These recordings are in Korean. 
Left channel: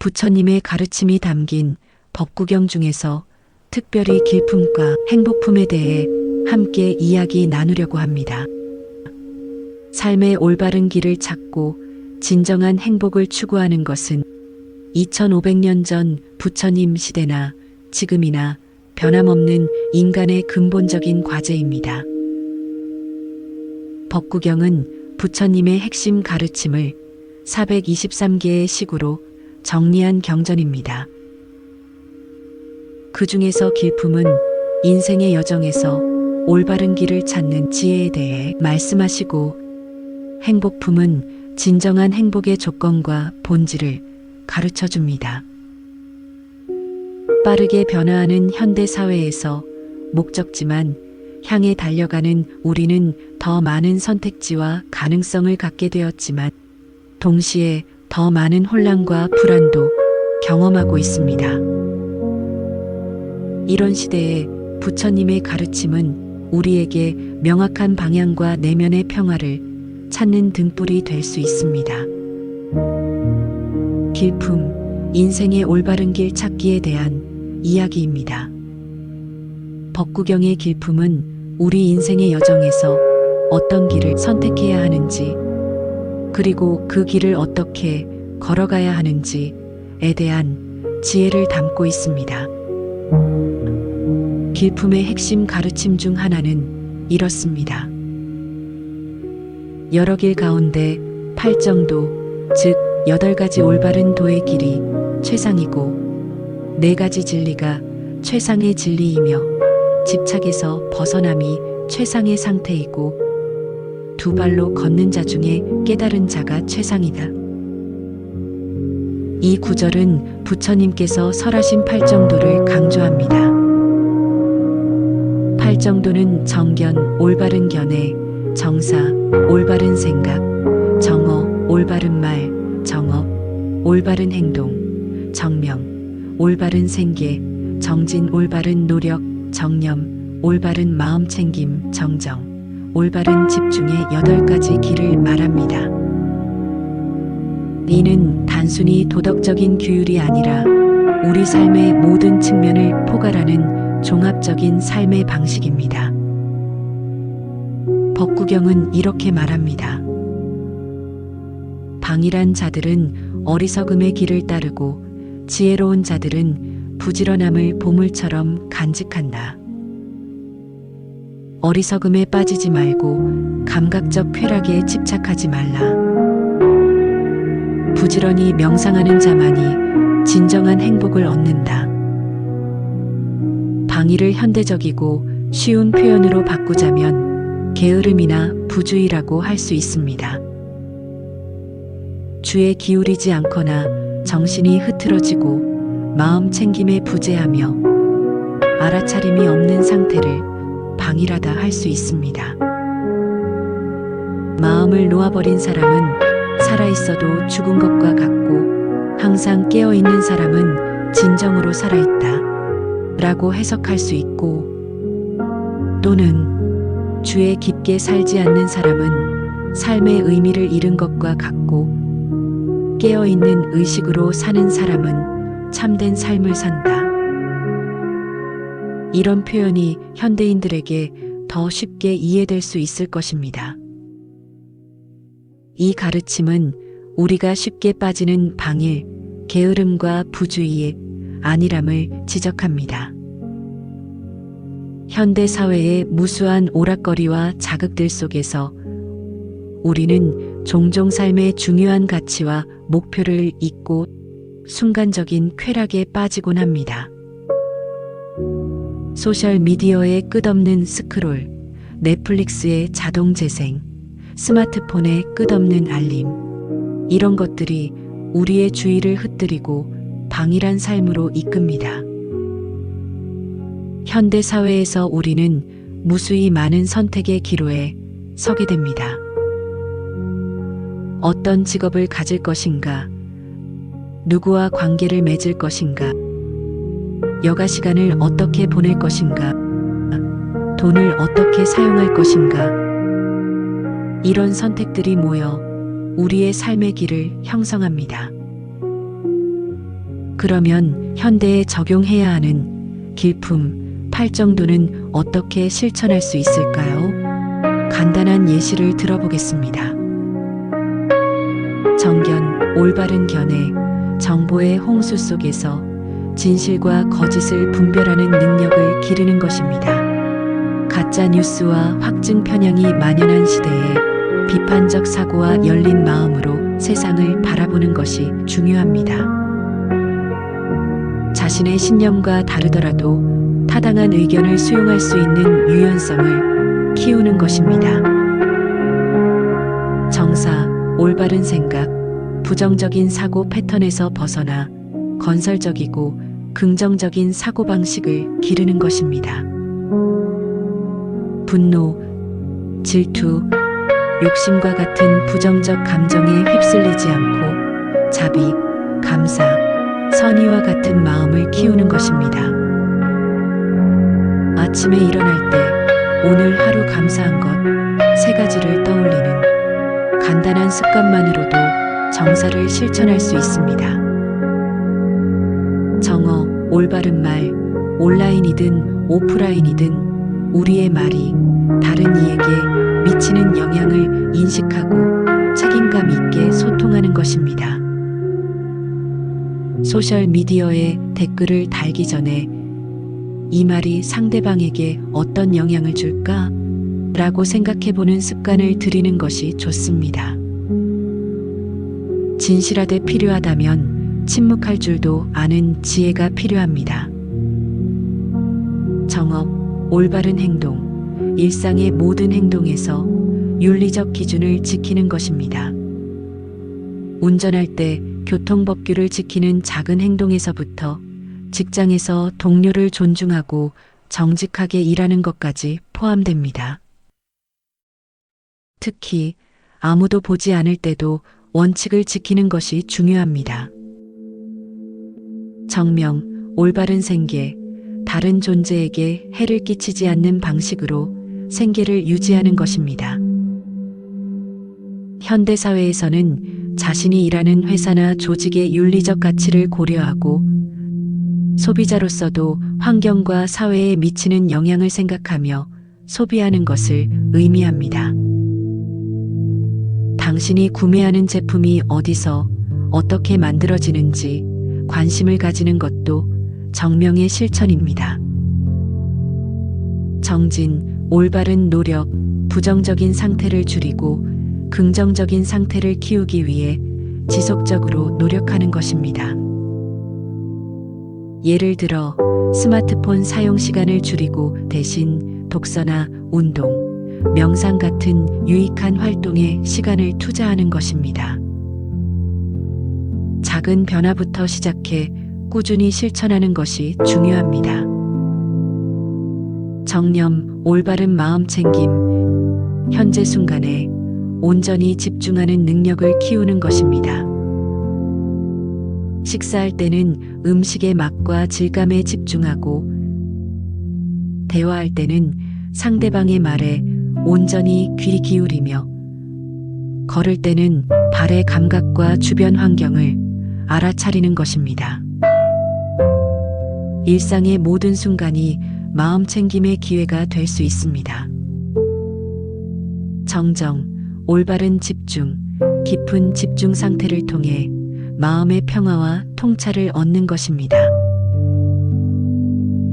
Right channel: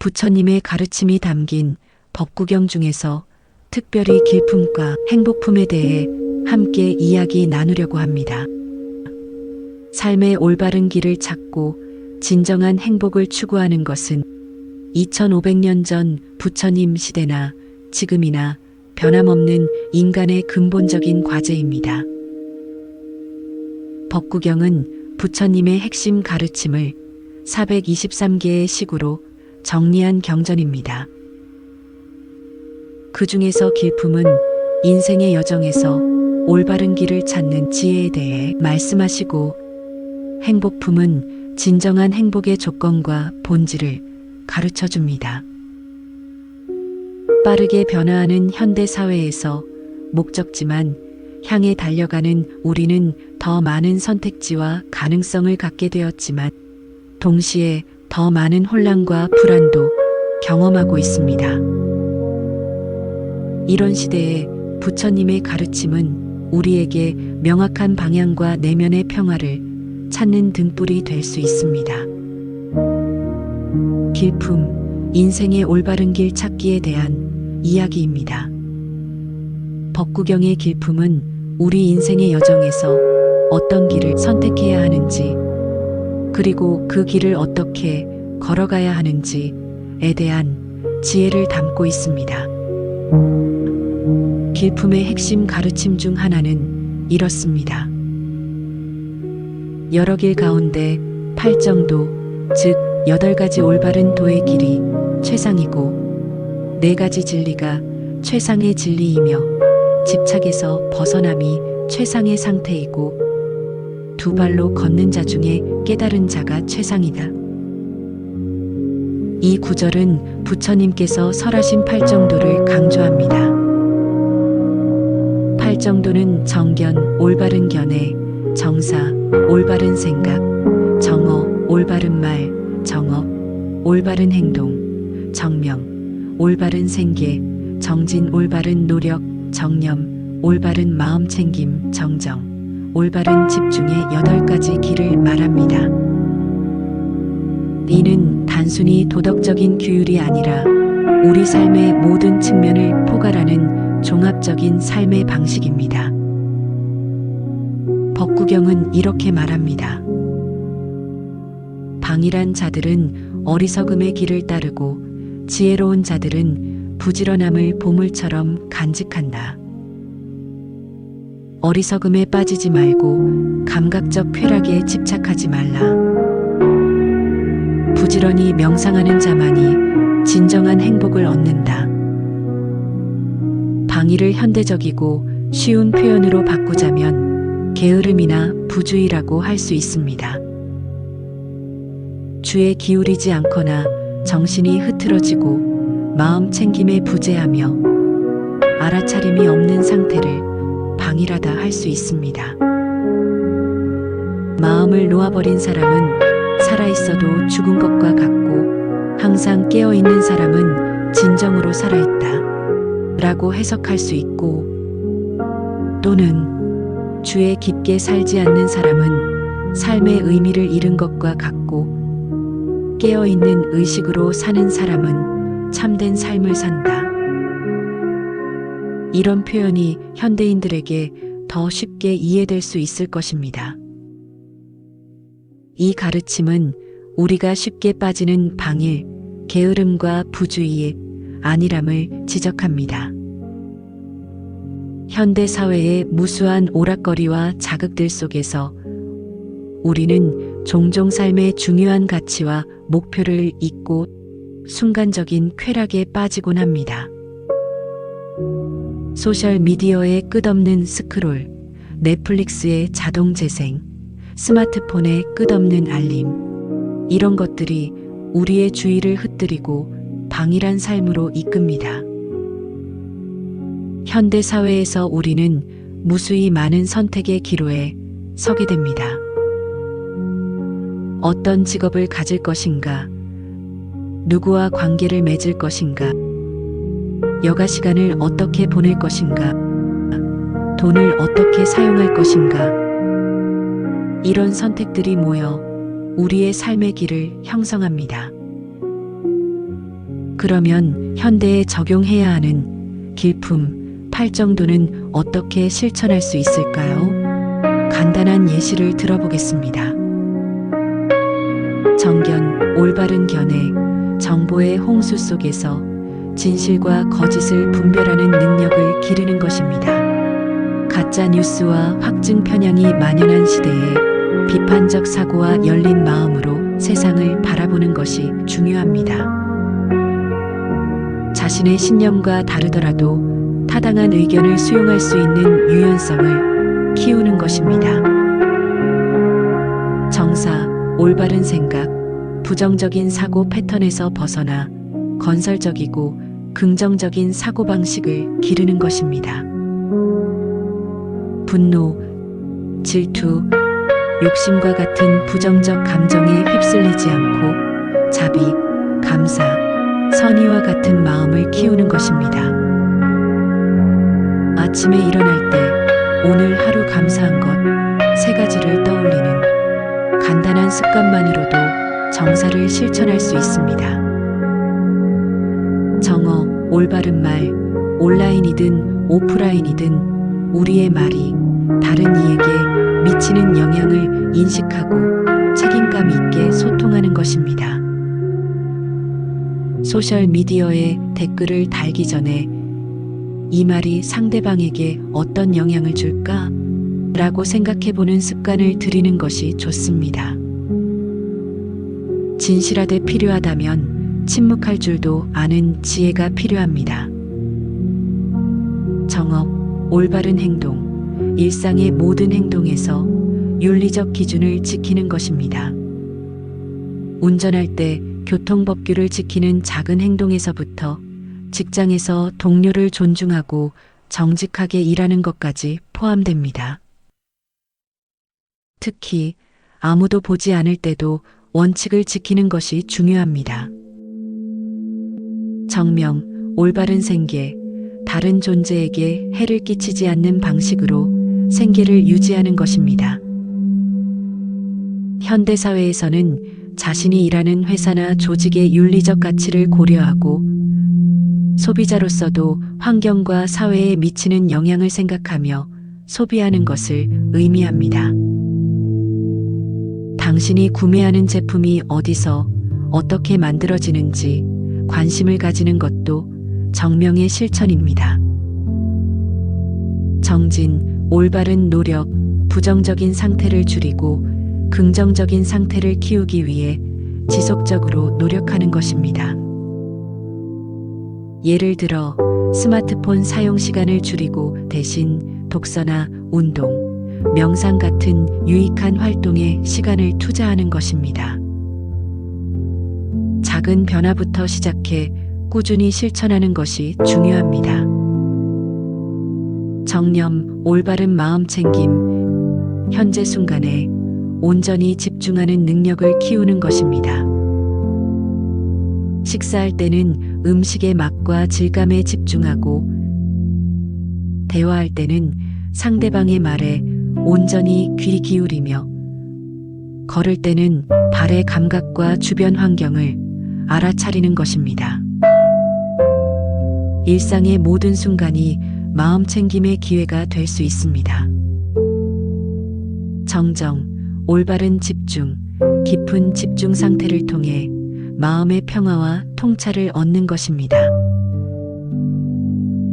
부처님의 가르침이 담긴 법구경 중에서 특별히 길품과 행복품에 대해 함께 이야기 나누려고 합니다. 삶의 올바른 길을 찾고 진정한 행복을 추구하는 것은 2500년 전 부처님 시대나 지금이나 변함없는 인간의 근본적인 과제입니다. 법구경은 부처님의 핵심 가르침을 423개의 식으로 정리한 경전입니다. 그 중에서 길품은 인생의 여정에서 올바른 길을 찾는 지혜에 대해 말씀하시고, 행복품은 진정한 행복의 조건과 본질을 가르쳐 줍니다. 빠르게 변화하는 현대 사회에서 목적지만 향해 달려가는 우리는 더 많은 선택지와 가능성을 갖게 되었지만 동시에 더 많은 혼란과 불안도 경험하고 있습니다. 이런 시대에 부처님의 가르침은 우리에게 명확한 방향과 내면의 평화를 찾는 등불이 될 수 있습니다. 길품, 인생의 올바른 길 찾기에 대한 이야기입니다. 법구경의 길품은 우리 인생의 여정에서 어떤 길을 선택해야 하는지, 그리고 그 길을 어떻게 걸어가야 하는지에 대한 지혜를 담고 있습니다. 길품의 핵심 가르침 중 하나는 이렇습니다. 여러 길 가운데 8정도, 즉 8가지 올바른 도의 길이 최상이고 4가지 진리가 최상의 진리이며 집착에서 벗어남이 최상의 상태이고 2발로 걷는 자 중에 깨달은 자가 최상이다. 이 구절은 부처님께서 설하신 8정도를 강조합니다. 8정도는 정견, 올바른 견해, 정사, 올바른 생각, 정어, 올바른 말, 정업, 올바른 행동, 정명, 올바른 생계, 정진, 올바른 노력, 정념, 올바른 마음 챙김, 정정, 올바른 집중의 8가지 길을 말합니다. 이는 단순히 도덕적인 규율이 아니라 우리 삶의 모든 측면을 포괄하는 종합적인 삶의 방식입니다. 법구경은 이렇게 말합니다. 방일한 자들은 어리석음의 길을 따르고 지혜로운 자들은 부지런함을 보물처럼 간직한다. 어리석음에 빠지지 말고 감각적 쾌락에 집착하지 말라. 부지런히 명상하는 자만이 진정한 행복을 얻는다. 방일을 현대적이고 쉬운 표현으로 바꾸자면 게으름이나 부주의라고 할 수 있습니다. 주에 기울이지 않거나 정신이 흐트러지고 마음 챙김에 부재하며 알아차림이 없는 상태를 방일하다 할 수 있습니다. 마음을 놓아버린 사람은 살아있어도 죽은 것과 같고 항상 깨어있는 사람은 진정으로 살아있다 라고 해석할 수 있고, 또는 주에 깊게 살지 않는 사람은 삶의 의미를 잃은 것과 같고 깨어있는 의식으로 사는 사람은 참된 삶을 산다. 이런 표현이 현대인들에게 더 쉽게 이해될 수 있을 것입니다. 이 가르침은 우리가 쉽게 빠지는 방일, 게으름과 부주의의 안일함을 지적합니다. 현대 사회의 무수한 오락거리와 자극들 속에서 우리는 종종 삶의 중요한 가치와 목표를 잊고 순간적인 쾌락에 빠지곤 합니다. 소셜미디어의 끝없는 스크롤, 넷플릭스의 자동 재생, 스마트폰의 끝없는 알림, 이런 것들이 우리의 주의를 흩뜨리고 방일한 삶으로 이끕니다. 현대 사회에서 우리는 무수히 많은 선택의 기로에 서게 됩니다. 어떤 직업을 가질 것인가, 누구와 관계를 맺을 것인가, 여가 시간을 어떻게 보낼 것인가, 돈을 어떻게 사용할 것인가, 이런 선택들이 모여 우리의 삶의 길을 형성합니다. 그러면 현대에 적용해야 하는 길품, 팔정도는 어떻게 실천할 수 있을까요? 간단한 예시를 들어보겠습니다. 정견, 올바른 견해, 정보의 홍수 속에서 진실과 거짓을 분별하는 능력을 기르는 것입니다. 가짜 뉴스와 확증 편향이 만연한 시대에 비판적 사고와 열린 마음으로 세상을 바라보는 것이 중요합니다. 자신의 신념과 다르더라도 타당한 의견을 수용할 수 있는 유연성을 키우는 것입니다. 정사, 올바른 생각, 부정적인 사고 패턴에서 벗어나 건설적이고 긍정적인 사고방식을 기르는 것입니다. 분노, 질투, 욕심과 같은 부정적 감정에 휩쓸리지 않고 자비, 감사, 선의와 같은 마음을 키우는 것입니다. 아침에 일어날 때 오늘 하루 감사한 것 3가지를 떠올리는 간단한 습관만으로도 정사를 실천할 수 있습니다. 정어, 올바른 말, 온라인이든 오프라인이든 우리의 말이 다른 이에게 미치는 영향을 인식하고 책임감 있게 소통하는 것입니다. 소셜미디어에 댓글을 달기 전에 이 말이 상대방에게 어떤 영향을 줄까? 라고 생각해보는 습관을 들이는 것이 좋습니다. 진실하되 필요하다면 침묵할 줄도 아는 지혜가 필요합니다. 정업, 올바른 행동, 일상의 모든 행동에서 윤리적 기준을 지키는 것입니다. 운전할 때 교통법규를 지키는 작은 행동에서부터 직장에서 동료를 존중하고 정직하게 일하는 것까지 포함됩니다. 특히 아무도 보지 않을 때도 원칙을 지키는 것이 중요합니다. 정명, 올바른 생계, 다른 존재에게 해를 끼치지 않는 방식으로 생계를 유지하는 것입니다. 현대사회에서는 자신이 일하는 회사나 조직의 윤리적 가치를 고려하고 소비자로서도 환경과 사회에 미치는 영향을 생각하며 소비하는 것을 의미합니다. 당신이 구매하는 제품이 어디서 어떻게 만들어지는지 관심을 가지는 것도 정명의 실천입니다. 정진, 올바른 노력, 부정적인 상태를 줄이고 긍정적인 상태를 키우기 위해 지속적으로 노력하는 것입니다. 예를 들어 스마트폰 사용 시간을 줄이고 대신 독서나 운동, 명상 같은 유익한 활동에 시간을 투자하는 것입니다. 작은 변화부터 시작해 꾸준히 실천하는 것이 중요합니다. 정념, 올바른 마음 챙김, 현재 순간에 온전히 집중하는 능력을 키우는 것입니다. 식사할 때는 음식의 맛과 질감에 집중하고, 대화할 때는 상대방의 말에 온전히 귀 기울이며, 걸을 때는 발의 감각과 주변 환경을 알아차리는 것입니다. 일상의 모든 순간이 마음 챙김의 기회가 될 수 있습니다. 정정, 올바른 집중, 깊은 집중 상태를 통해 마음의 평화와 통찰을 얻는 것입니다.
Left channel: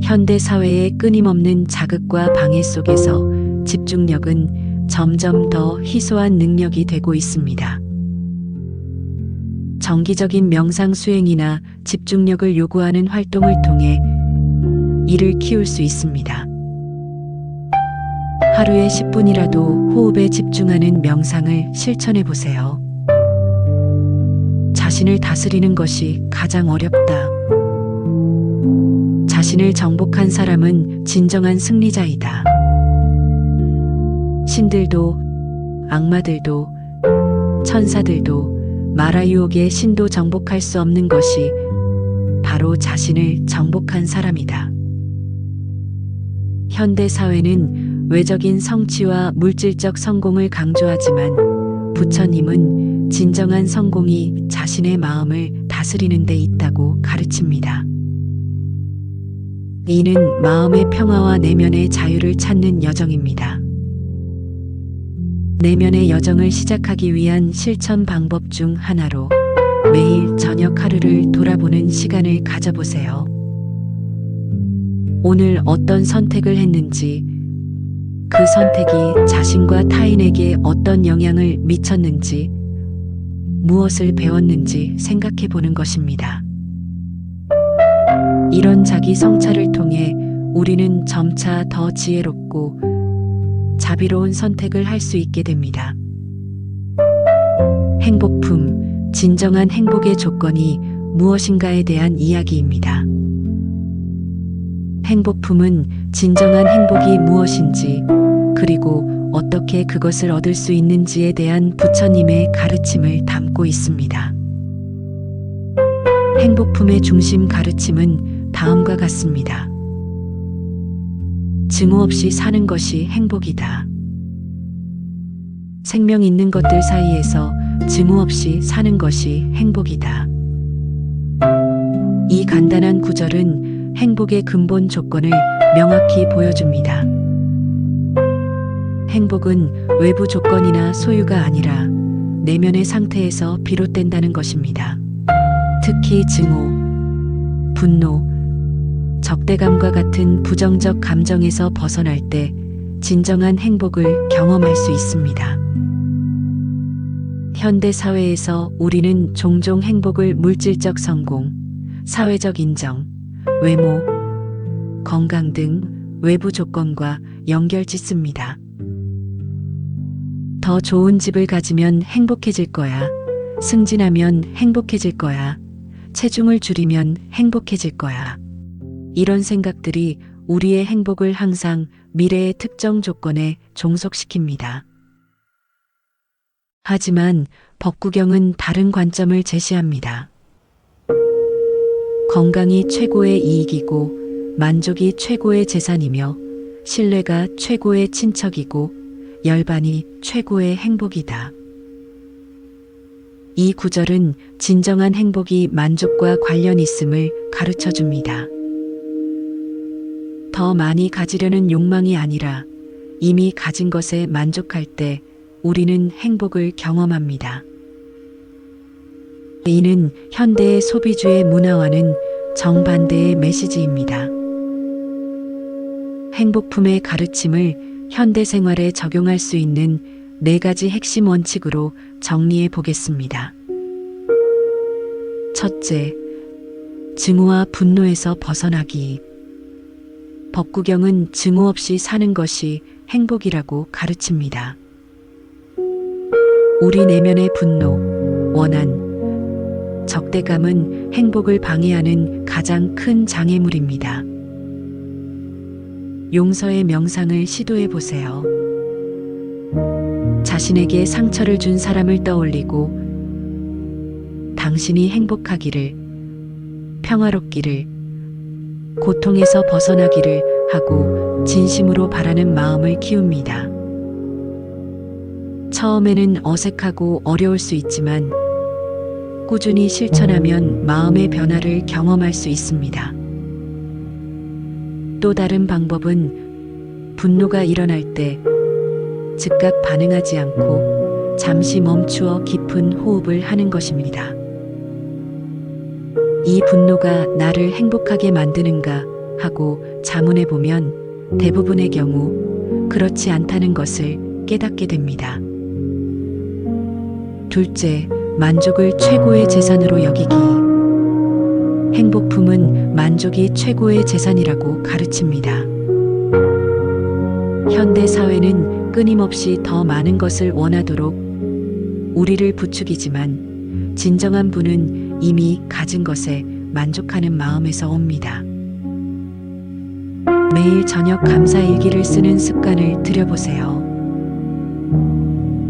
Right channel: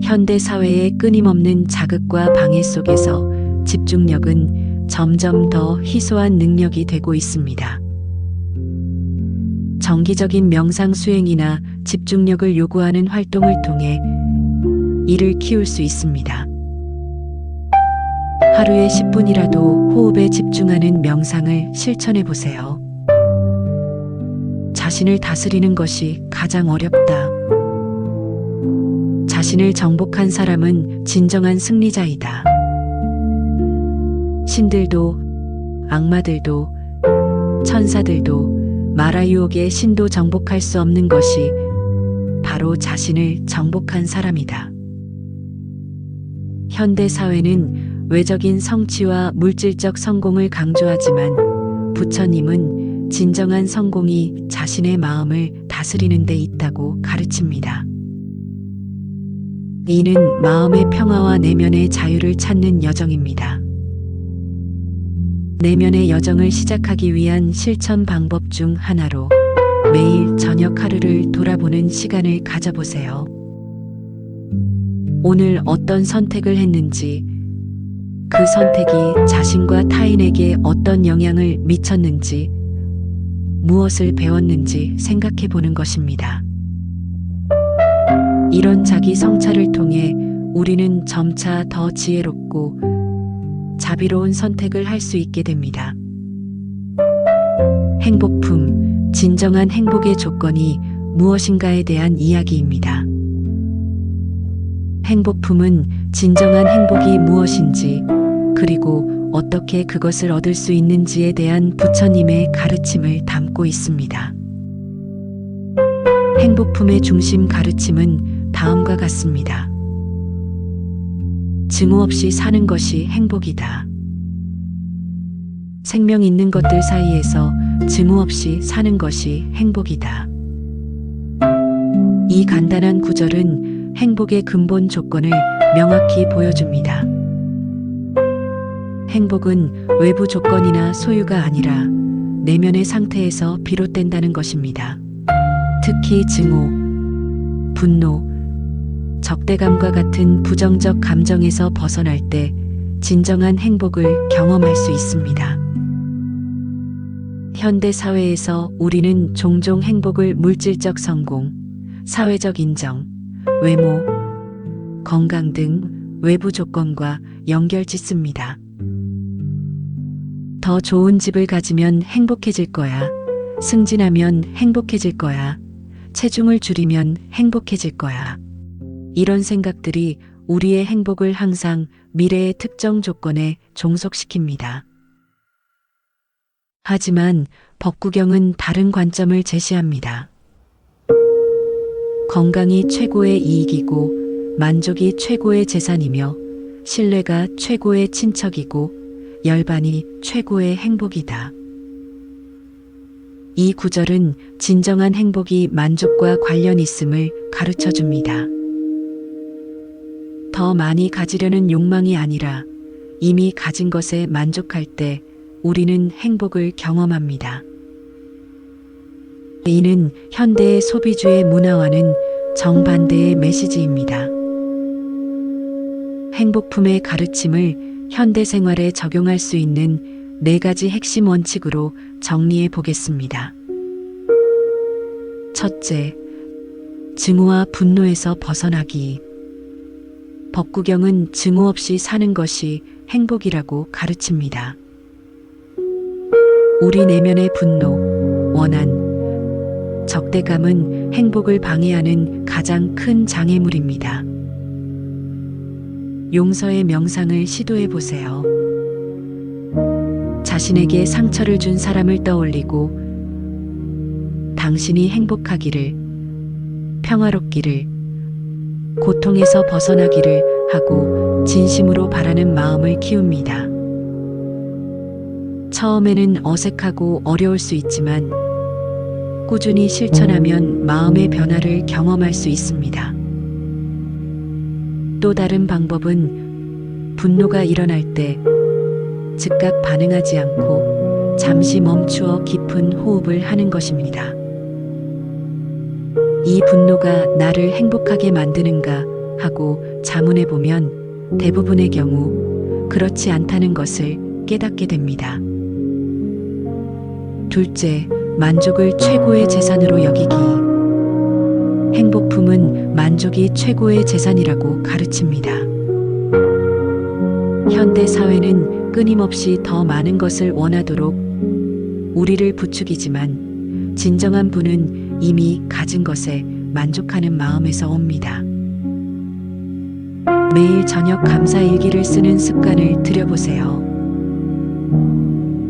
현대 사회의 끊임없는 자극과 방해 속에서 집중력은 점점 더 희소한 능력이 되고 있습니다. 정기적인 명상 수행이나 집중력을 요구하는 활동을 통해 이를 키울 수 있습니다. 하루에 10분이라도 호흡에 집중하는 명상을 실천해 보세요. 자신을 다스리는 것이 가장 어렵다. 자신을 정복한 사람은 진정한 승리자이다. 신들도, 악마들도, 천사들도 마라 유혹의 신도 정복할 수 없는 것이 바로 자신을 정복한 사람이다. 현대 사회는 외적인 성취와 물질적 성공을 강조하지만 부처님은 진정한 성공이 자신의 마음을 다스리는 데 있다고 가르칩니다. 이는 마음의 평화와 내면의 자유를 찾는 여정입니다. 내면의 여정을 시작하기 위한 실천 방법 중 하나로 매일 저녁 하루를 돌아보는 시간을 가져보세요. 오늘 어떤 선택을 했는지, 그 선택이 자신과 타인에게 어떤 영향을 미쳤는지, 무엇을 배웠는지 생각해 보는 것입니다. 이런 자기 성찰을 통해 우리는 점차 더 지혜롭고 자비로운 선택을 할 수 있게 됩니다. 행복품, 진정한 행복의 조건이 무엇인가에 대한 이야기입니다. 행복품은 진정한 행복이 무엇인지, 그리고 어떻게 그것을 얻을 수 있는지에 대한 부처님의 가르침을 담고 있습니다. 행복품의 중심 가르침은 다음과 같습니다. 증오 없이 사는 것이 행복이다. 생명 있는 것들 사이에서 증오 없이 사는 것이 행복이다. 이 간단한 구절은 행복의 근본 조건을 명확히 보여줍니다. 행복은 외부 조건이나 소유가 아니라 내면의 상태에서 비롯된다는 것입니다. 특히 증오, 분노, 적대감과 같은 부정적 감정에서 벗어날 때 진정한 행복을 경험할 수 있습니다. 현대 사회에서 우리는 종종 행복을 물질적 성공, 사회적 인정, 외모, 건강 등 외부 조건과 연결짓습니다. 더 좋은 집을 가지면 행복해질 거야. 승진하면 행복해질 거야. 체중을 줄이면 행복해질 거야. 이런 생각들이 우리의 행복을 항상 미래의 특정 조건에 종속시킵니다. 하지만 법구경은 다른 관점을 제시합니다. 건강이 최고의 이익이고 만족이 최고의 재산이며 신뢰가 최고의 친척이고 열반이 최고의 행복이다. 이 구절은 진정한 행복이 만족과 관련 있음을 가르쳐 줍니다. 더 많이 가지려는 욕망이 아니라 이미 가진 것에 만족할 때 우리는 행복을 경험합니다. 이는 현대의 소비주의 문화와는 정반대의 메시지입니다. 행복품의 가르침을 현대 생활에 적용할 수 있는 4가지 핵심 원칙으로 정리해 보겠습니다. 첫째, 증오와 분노에서 벗어나기. 법구경은 증오 없이 사는 것이 행복이라고 가르칩니다. 우리 내면의 분노, 원한, 적대감은 행복을 방해하는 가장 큰 장애물입니다. 용서의 명상을 시도해 보세요. 자신에게 상처를 준 사람을 떠올리고 당신이 행복하기를, 평화롭기를, 고통에서 벗어나기를 하고 진심으로 바라는 마음을 키웁니다. 처음에는 어색하고 어려울 수 있지만 꾸준히 실천하면 마음의 변화를 경험할 수 있습니다. 또 다른 방법은 분노가 일어날 때 즉각 반응하지 않고 잠시 멈추어 깊은 호흡을 하는 것입니다. 이 분노가 나를 행복하게 만드는가 하고 자문해 보면 대부분의 경우 그렇지 않다는 것을 깨닫게 됩니다. 둘째, 만족을 최고의 재산으로 여기기. 행복품은 만족이 최고의 재산이라고 가르칩니다. 현대 사회는 끊임없이 더 많은 것을 원하도록 우리를 부추기지만 진정한 부는 이미 가진 것에 만족하는 마음에서 옵니다. 매일 저녁 감사 일기를 쓰는 습관을 들여보세요.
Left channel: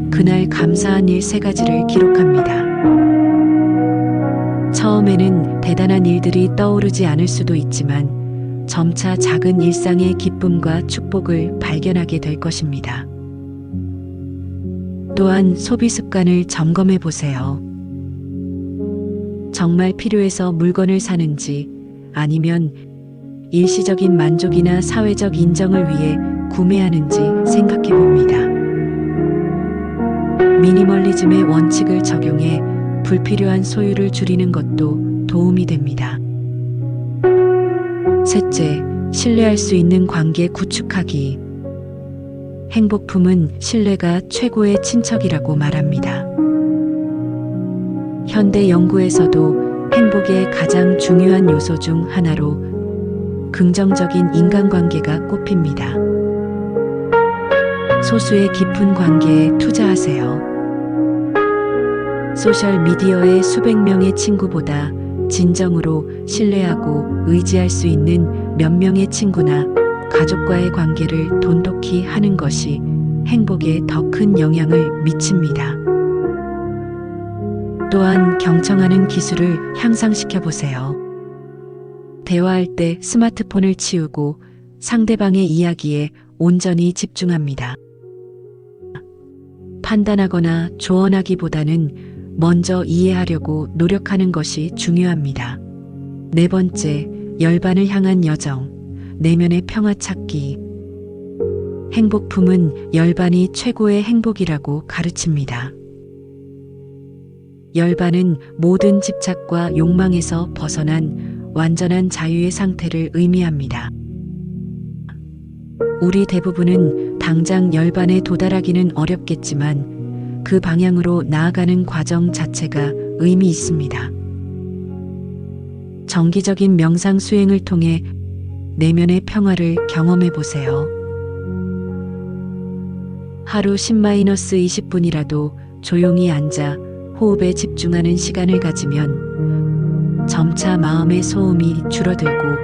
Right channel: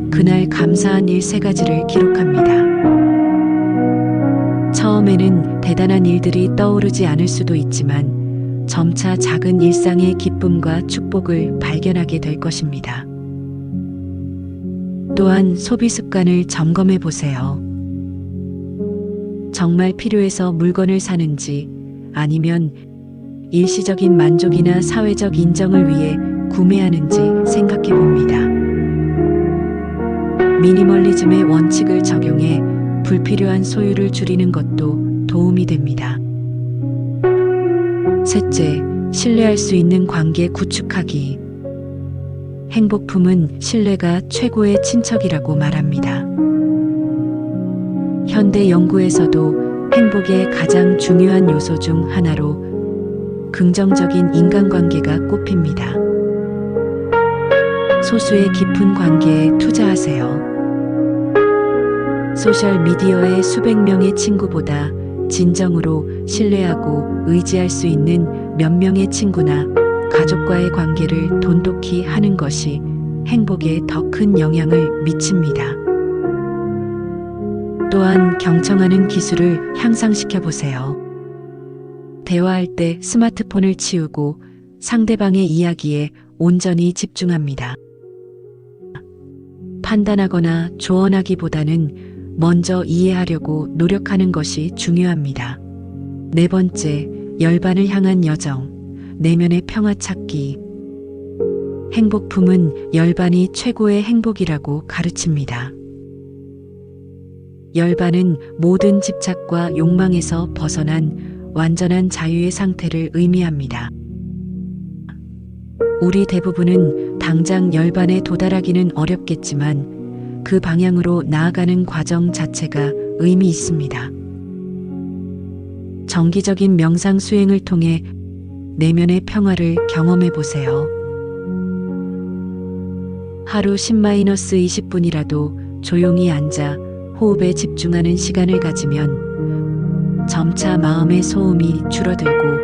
그날 감사한 일 3가지를 기록합니다. 처음에는 대단한 일들이 떠오르지 않을 수도 있지만 점차 작은 일상의 기쁨과 축복을 발견하게 될 것입니다. 또한 소비 습관을 점검해 보세요. 정말 필요해서 물건을 사는지 아니면 일시적인 만족이나 사회적 인정을 위해 구매하는지 생각해 봅니다. 미니멀리즘의 원칙을 적용해 불필요한 소유를 줄이는 것도 도움이 됩니다. 셋째, 신뢰할 수 있는 관계 구축하기. 행복품은 신뢰가 최고의 친척이라고 말합니다. 현대 연구에서도 행복의 가장 중요한 요소 중 하나로 긍정적인 인간관계가 꼽힙니다. 소수의 깊은 관계에 투자하세요. 소셜미디어의 수백 명의 친구보다 진정으로 신뢰하고 의지할 수 있는 몇 명의 친구나 가족과의 관계를 돈독히 하는 것이 행복에 더 큰 영향을 미칩니다. 또한 경청하는 기술을 향상시켜 보세요. 대화할 때 스마트폰을 치우고 상대방의 이야기에 온전히 집중합니다. 판단하거나 조언하기보다는 먼저 이해하려고 노력하는 것이 중요합니다. 네 번째, 열반을 향한 여정, 내면의 평화 찾기. 행복품은 열반이 최고의 행복이라고 가르칩니다. 열반은 모든 집착과 욕망에서 벗어난 완전한 자유의 상태를 의미합니다. 우리 대부분은 당장 열반에 도달하기는 어렵겠지만 그 방향으로 나아가는 과정 자체가 의미 있습니다. 정기적인 명상 수행을 통해 내면의 평화를 경험해 보세요. 하루 10-20분이라도 조용히 앉아 호흡에 집중하는 시간을 가지면 점차 마음의 소음이 줄어들고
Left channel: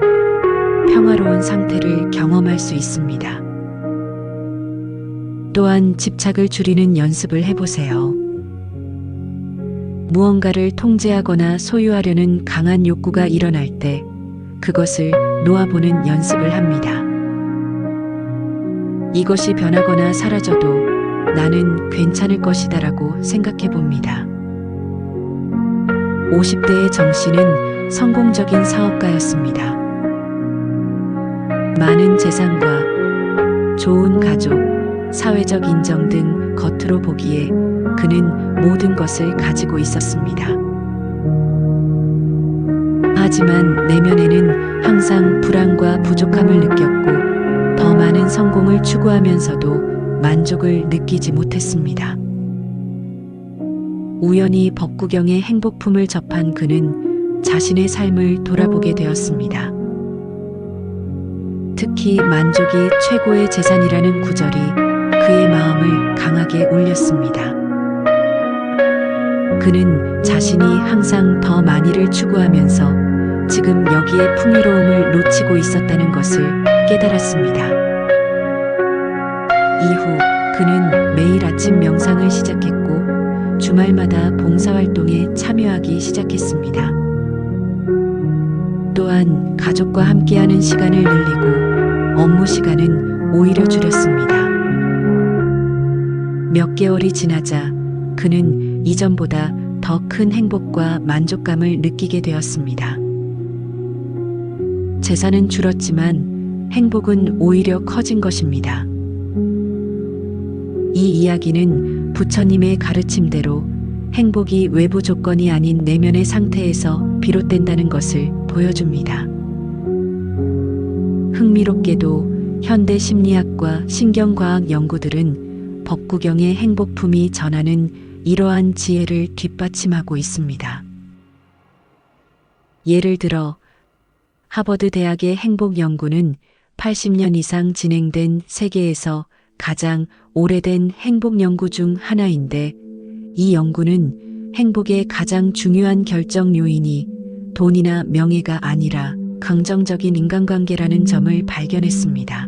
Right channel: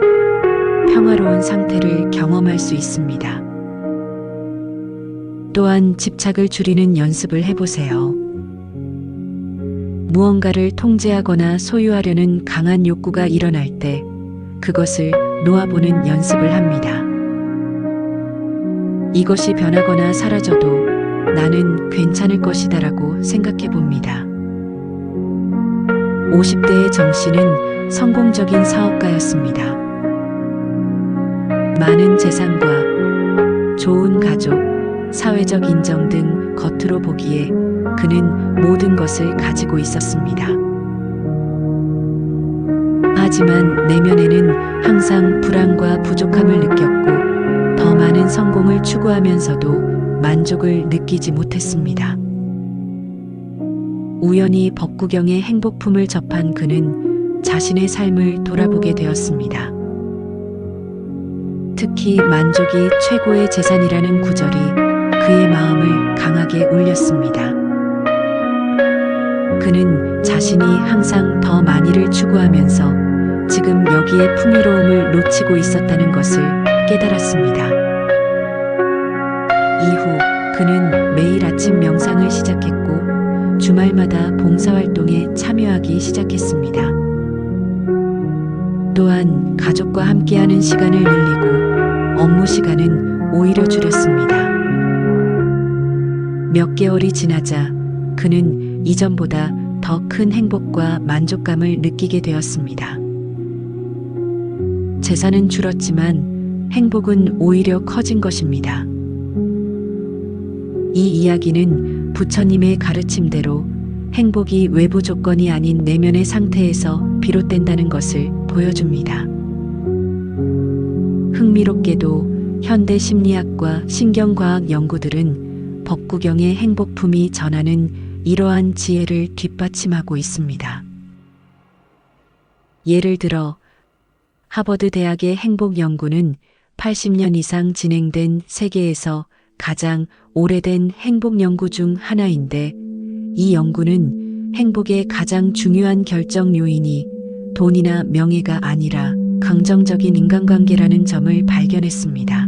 평화로운 상태를 경험할 수 있습니다. 또한 집착을 줄이는 연습을 해보세요. 무언가를 통제하거나 소유하려는 강한 욕구가 일어날 때 그것을 놓아보는 연습을 합니다. 이것이 변하거나 사라져도 나는 괜찮을 것이다라고 생각해 봅니다. 50대의 정씨는 성공적인 사업가였습니다. 많은 재산과 좋은 가족, 사회적 인정 등 겉으로 보기에 그는 모든 것을 가지고 있었습니다. 하지만 내면에는 항상 불안과 부족함을 느꼈고 더 많은 성공을 추구하면서도 만족을 느끼지 못했습니다. 우연히 법구경의 행복품을 접한 그는 자신의 삶을 돌아보게 되었습니다. 특히 만족이 최고의 재산이라는 구절이 그의 마음을 강하게 울렸습니다. 그는 자신이 항상 더 많이를 추구하면서 지금 여기에 풍요로움을 놓치고 있었다는 것을 깨달았습니다. 이후 그는 매일 아침 명상을 시작했고 주말마다 봉사활동에 참여하기 시작했습니다. 또한 가족과 함께하는 시간을 늘리고 업무 시간은 오히려 줄였습니다. 몇 개월이 지나자 그는 이전보다 더 큰 행복과 만족감을 느끼게 되었습니다. 재산은 줄었지만 행복은 오히려 커진 것입니다. 이 이야기는 부처님의 가르침대로 행복이 외부 조건이 아닌 내면의 상태에서 비롯된다는 것을 보여줍니다. 흥미롭게도 현대 심리학과 신경과학 연구들은 법구경의 행복품이 전하는 이러한 지혜를 뒷받침하고 있습니다. 예를 들어 하버드 대학의 행복 연구는 80년 이상 진행된 세계에서 가장 오래된 행복 연구 중 하나인데 이 연구는 행복의 가장 중요한 결정 요인이 돈이나 명예가 아니라 긍정적인 인간관계라는 점을 발견했습니다.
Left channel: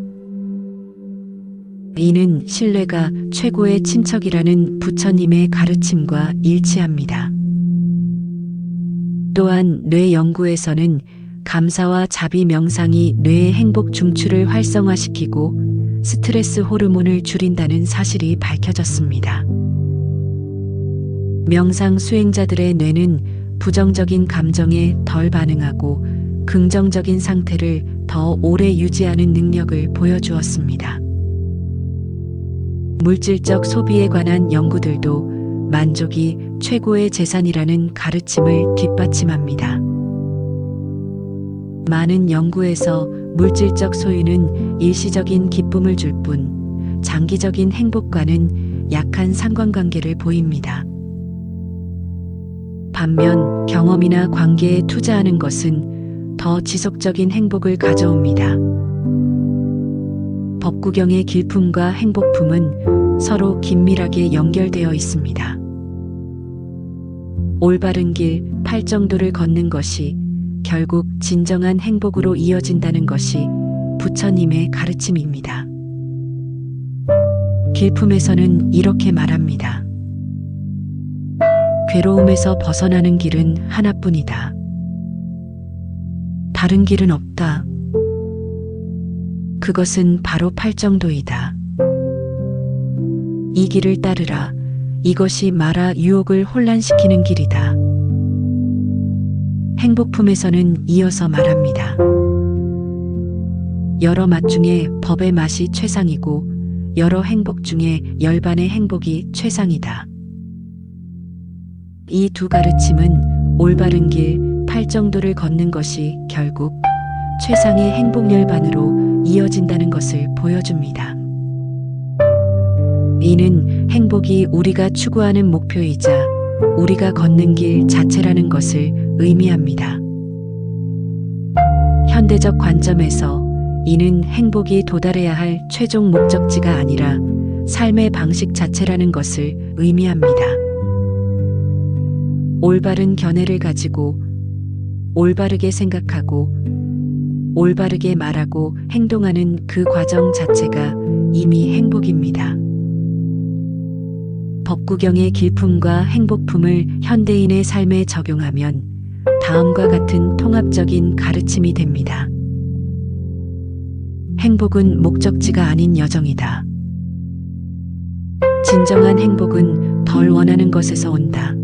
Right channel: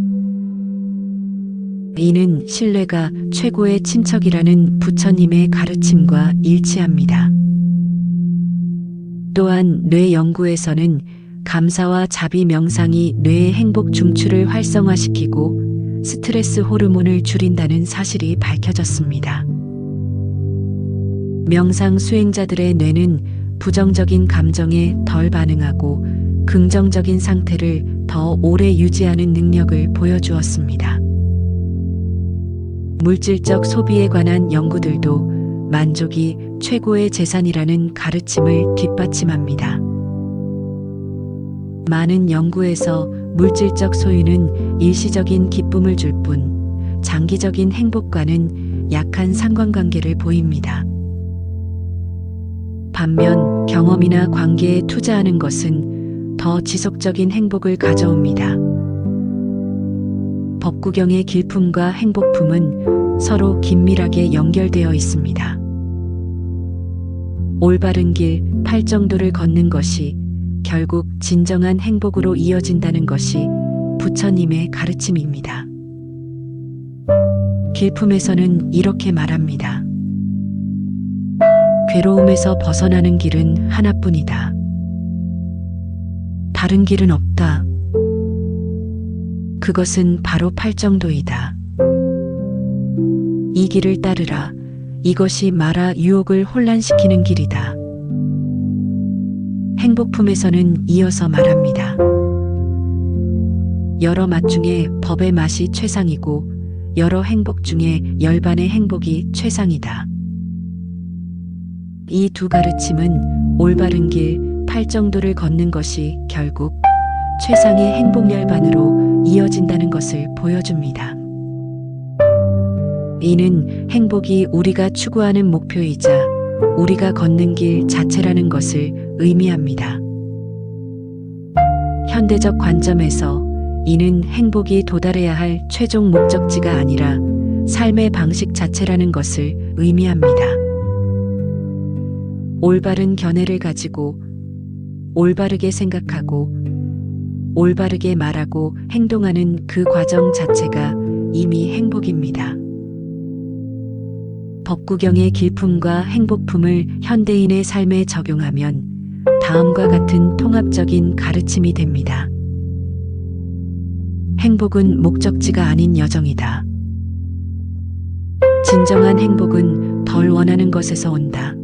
이는 신뢰가 최고의 친척이라는 부처님의 가르침과 일치합니다. 또한 뇌 연구에서는 감사와 자비 명상이 뇌의 행복 중추를 활성화시키고 스트레스 호르몬을 줄인다는 사실이 밝혀졌습니다. 명상 수행자들의 뇌는 부정적인 감정에 덜 반응하고 긍정적인 상태를 더 오래 유지하는 능력을 보여주었습니다. 물질적 소비에 관한 연구들도 만족이 최고의 재산이라는 가르침을 뒷받침합니다. 많은 연구에서 물질적 소유는 일시적인 기쁨을 줄 뿐 장기적인 행복과는 약한 상관관계를 보입니다. 반면 경험이나 관계에 투자하는 것은 더 지속적인 행복을 가져옵니다. 법구경의 길품과 행복품은 서로 긴밀하게 연결되어 있습니다. 올바른 길, 팔정도를 걷는 것이 결국 진정한 행복으로 이어진다는 것이 부처님의 가르침입니다. 길품에서는 이렇게 말합니다. 괴로움에서 벗어나는 길은 하나뿐이다. 다른 길은 없다. 그것은 바로 팔정도이다. 이 길을 따르라. 이것이 마라 유혹을 혼란시키는 길이다. 행복품에서는 이어서 말합니다. 여러 맛 중에 법의 맛이 최상이고 여러 행복 중에 열반의 행복이 최상이다. 이 두 가르침은 올바른 길, 팔정도를 걷는 것이 결국 최상의 행복 열반으로 이어진다는 것을 보여줍니다. 이는 행복이 우리가 추구하는 목표이자 우리가 걷는 길 자체라는 것을 의미합니다. 현대적 관점에서 이는 행복이 도달해야 할 최종 목적지가 아니라 삶의 방식 자체라는 것을 의미합니다. 올바른 견해를 가지고 올바르게 생각하고 올바르게 말하고 행동하는 그 과정 자체가 이미 행복입니다. 법구경의 길품과 행복품을 현대인의 삶에 적용하면 다음과 같은 통합적인 가르침이 됩니다. 행복은 목적지가 아닌 여정이다. 진정한 행복은 덜 원하는 것에서 온다.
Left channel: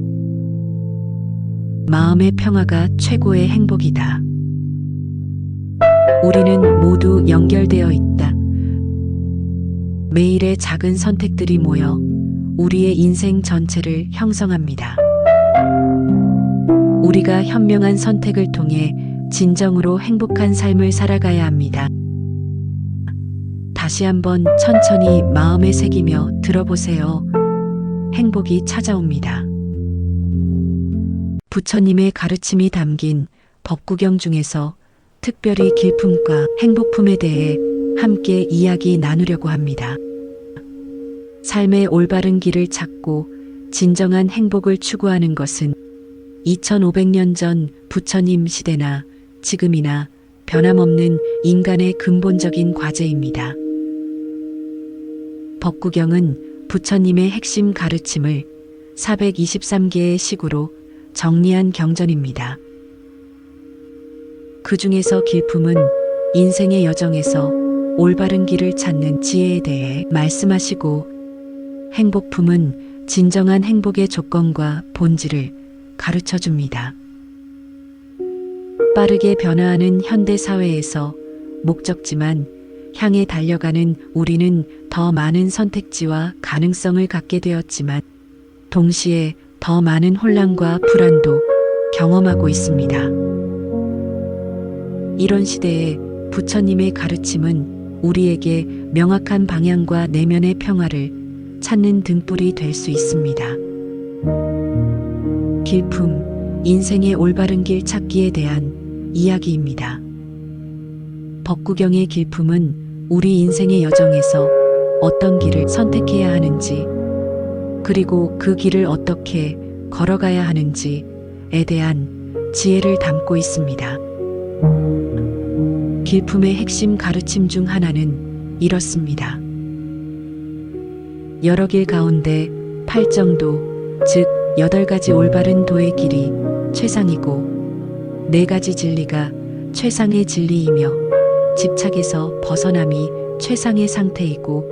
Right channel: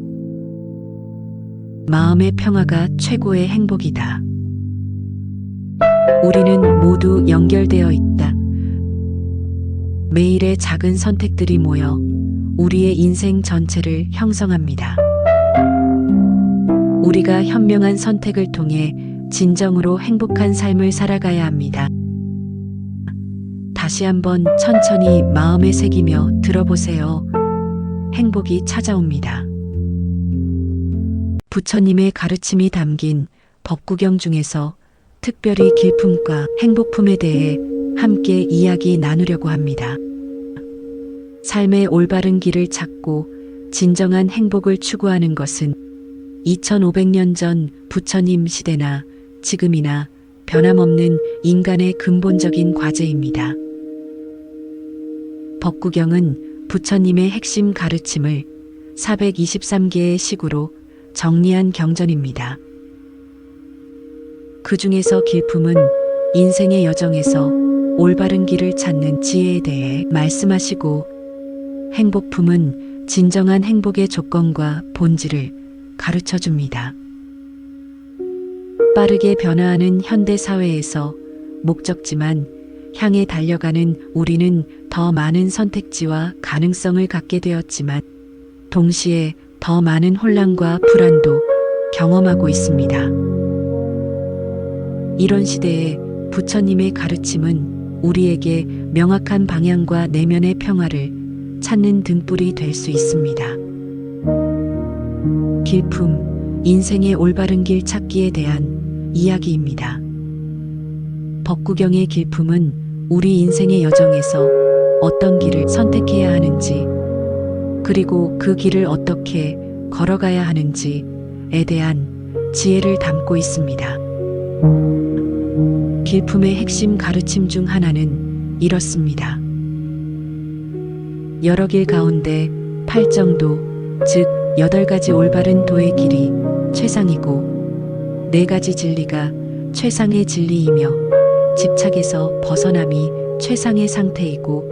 마음의 평화가 최고의 행복이다. 우리는 모두 연결되어 있다. 매일의 작은 선택들이 모여 우리의 인생 전체를 형성합니다. 우리가 현명한 선택을 통해 진정으로 행복한 삶을 살아가야 합니다. 다시 한번 천천히 마음에 새기며 들어보세요. 행복이 찾아옵니다. 부처님의 가르침이 담긴 법구경 중에서 특별히 길품과 행복품에 대해 함께 이야기 나누려고 합니다. 삶의 올바른 길을 찾고 진정한 행복을 추구하는 것은 2500년 전 부처님 시대나 지금이나 변함없는 인간의 근본적인 과제입니다. 법구경은 부처님의 핵심 가르침을 423개의 식으로 정리한 경전입니다. 그 중에서 길품은 인생의 여정에서 올바른 길을 찾는 지혜에 대해 말씀하시고, 행복품은 진정한 행복의 조건과 본질을 가르쳐 줍니다. 빠르게 변화하는 현대 사회에서 목적지만 향해 달려가는 우리는 더 많은 선택지와 가능성을 갖게 되었지만 동시에 더 많은 혼란과 불안도 경험하고 있습니다. 이런 시대에 부처님의 가르침은 우리에게 명확한 방향과 내면의 평화를 찾는 등불이 될 수 있습니다. 길품, 인생의 올바른 길 찾기에 대한 이야기입니다. 법구경의 길품은 우리 인생의 여정에서 어떤 길을 선택해야 하는지, 그리고 그 길을 어떻게 걸어가야 하는지에 대한 지혜를 담고 있습니다. 길품의 핵심 가르침 중 하나는 이렇습니다. 여러 길 가운데 팔정도, 즉 8가지 올바른 도의 길이 최상이고 4가지 진리가 최상의 진리이며 집착에서 벗어남이 최상의 상태이고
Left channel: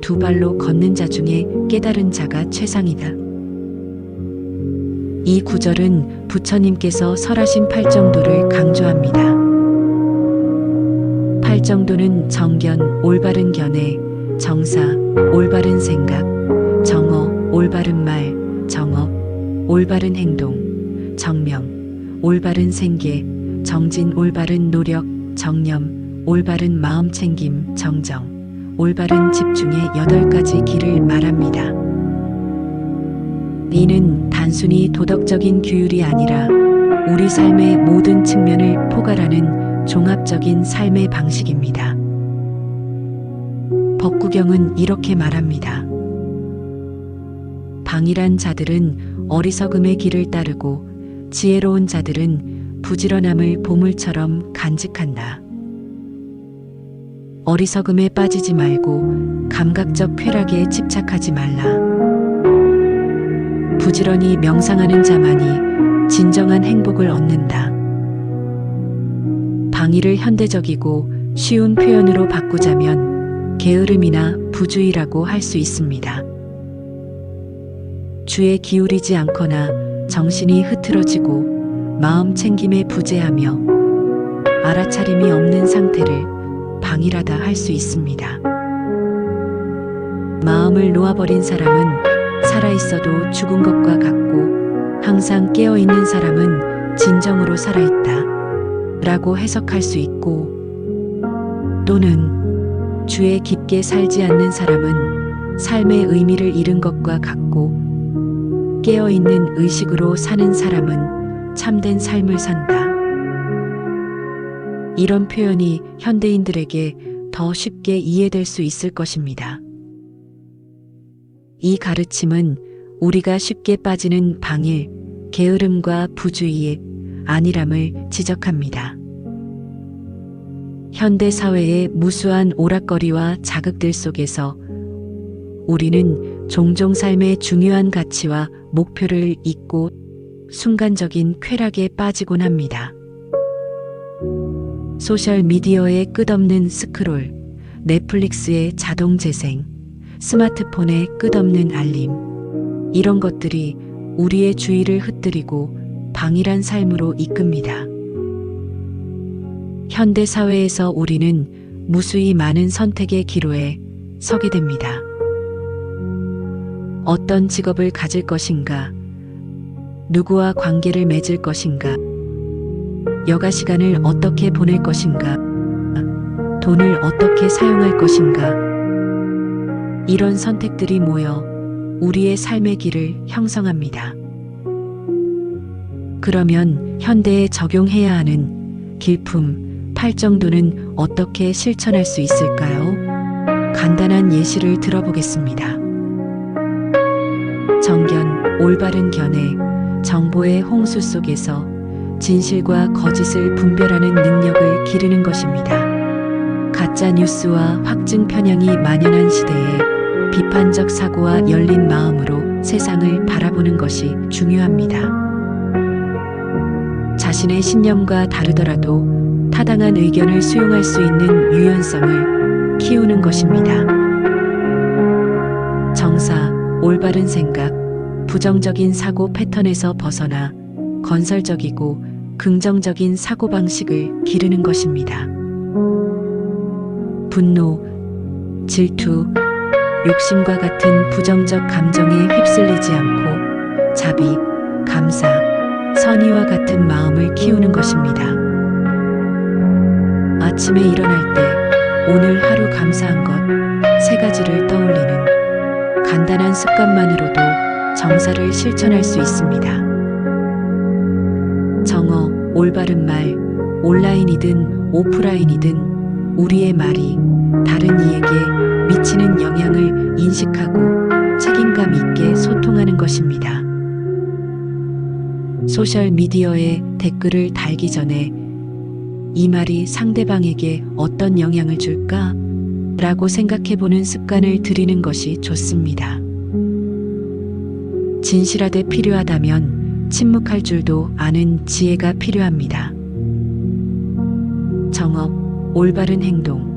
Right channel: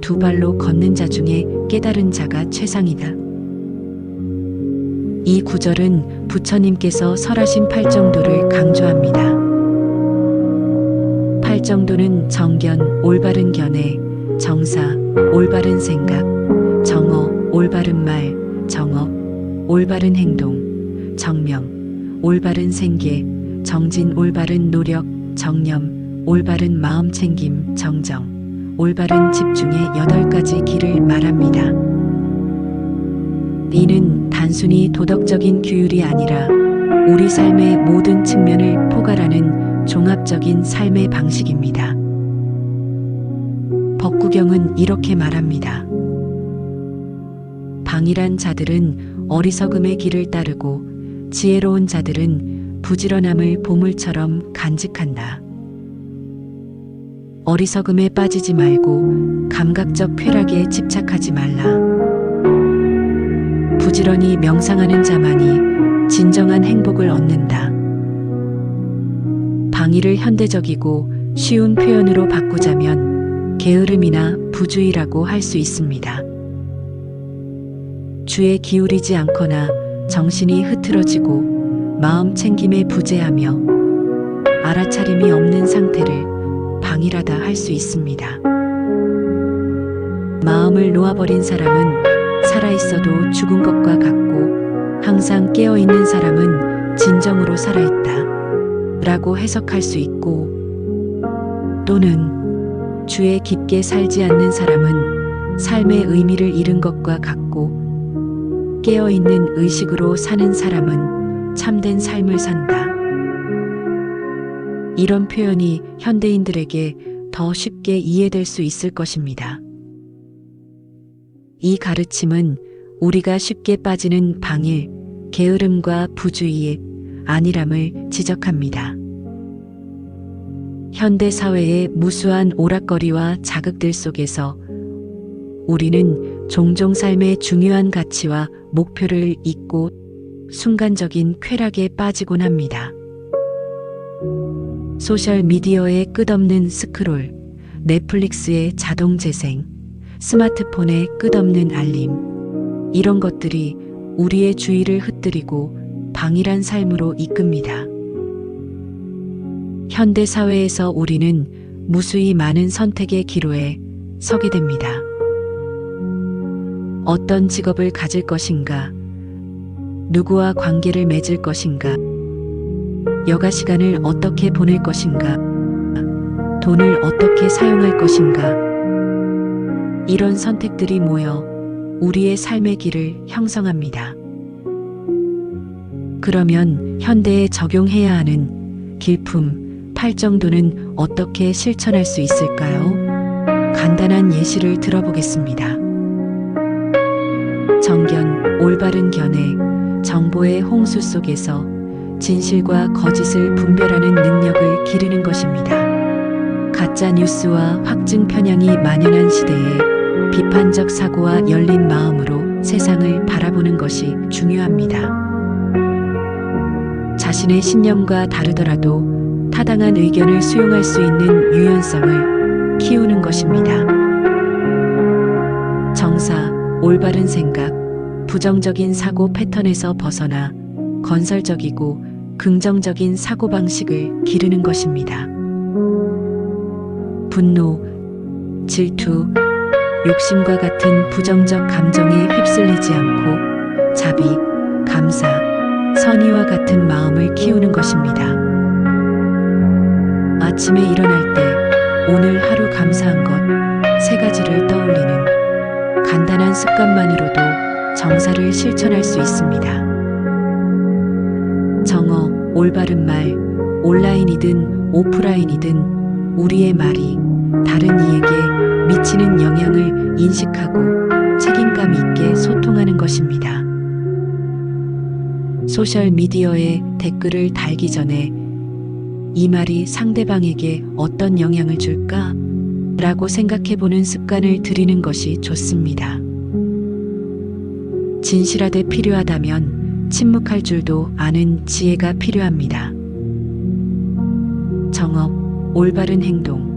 2발로 걷는 자 중에 깨달은 자가 최상이다. 이 구절은 부처님께서 설하신 팔정도를 강조합니다. 팔정도는 정견, 올바른 견해, 정사, 올바른 생각, 정어, 올바른 말, 정업, 올바른 행동, 정명, 올바른 생계, 정진, 올바른 노력, 정념, 올바른 마음 챙김, 정정, 올바른 집중의 8가지 길을 말합니다. 이는 단순히 도덕적인 규율이 아니라 우리 삶의 모든 측면을 포괄하는 종합적인 삶의 방식입니다. 법구경은 이렇게 말합니다. 방일한 자들은 어리석음의 길을 따르고 지혜로운 자들은 부지런함을 보물처럼 간직한다. 어리석음에 빠지지 말고 감각적 쾌락에 집착하지 말라. 부지런히 명상하는 자만이 진정한 행복을 얻는다. 방일을 현대적이고 쉬운 표현으로 바꾸자면 게으름이나 부주의라고 할 수 있습니다. 주에 기울이지 않거나 정신이 흐트러지고 마음 챙김에 부재하며 알아차림이 없는 상태를 방일하다 할 수 있습니다. 마음을 놓아버린 사람은 살아있어도 죽은 것과 같고 항상 깨어있는 사람은 진정으로 살아있다 라고 해석할 수 있고, 또는 주에 깊게 살지 않는 사람은 삶의 의미를 잃은 것과 같고 깨어있는 의식으로 사는 사람은 참된 삶을 산다. 이런 표현이 현대인들에게 더 쉽게 이해될 수 있을 것입니다. 이 가르침은 우리가 쉽게 빠지는 방일, 게으름과 부주의의 안일함을 지적합니다. 현대 사회의 무수한 오락거리와 자극들 속에서 우리는 종종 삶의 중요한 가치와 목표를 잊고 순간적인 쾌락에 빠지곤 합니다. 소셜미디어의 끝없는 스크롤, 넷플릭스의 자동 재생, 스마트폰의 끝없는 알림, 이런 것들이 우리의 주의를 흩뜨리고 방일한 삶으로 이끕니다. 현대 사회에서 우리는 무수히 많은 선택의 기로에 서게 됩니다. 어떤 직업을 가질 것인가, 누구와 관계를 맺을 것인가, 여가 시간을 어떻게 보낼 것인가, 돈을 어떻게 사용할 것인가, 이런 선택들이 모여 우리의 삶의 길을 형성합니다. 그러면 현대에 적용해야 하는 길품, 팔정도는 어떻게 실천할 수 있을까요? 간단한 예시를 들어보겠습니다. 정견, 올바른 견해, 정보의 홍수 속에서 진실과 거짓을 분별하는 능력을 기르는 것입니다. 가짜 뉴스와 확증 편향이 만연한 시대에 비판적 사고와 열린 마음으로 세상을 바라보는 것이 중요합니다. 자신의 신념과 다르더라도 타당한 의견을 수용할 수 있는 유연성을 키우는 것입니다. 정사, 올바른 생각, 부정적인 사고 패턴에서 벗어나 건설적이고 긍정적인 사고방식을 기르는 것입니다. 분노, 질투, 욕심과 같은 부정적 감정에 휩쓸리지 않고 자비, 감사, 선의와 같은 마음을 키우는 것입니다. 아침에 일어날 때 오늘 하루 감사한 것 3가지를 떠올리는 간단한 습관만으로도 정사를 실천할 수 있습니다. 정어, 올바른 말, 온라인이든 오프라인이든 우리의 말이 다른 이에게 미치는 영향을 인식하고 책임감 있게 소통하는 것입니다. 소셜미디어에 댓글을 달기 전에 이 말이 상대방에게 어떤 영향을 줄까? 라고 생각해보는 습관을 들이는 것이 좋습니다. 진실하되 필요하다면 침묵할 줄도 아는 지혜가 필요합니다. 정업, 올바른 행동,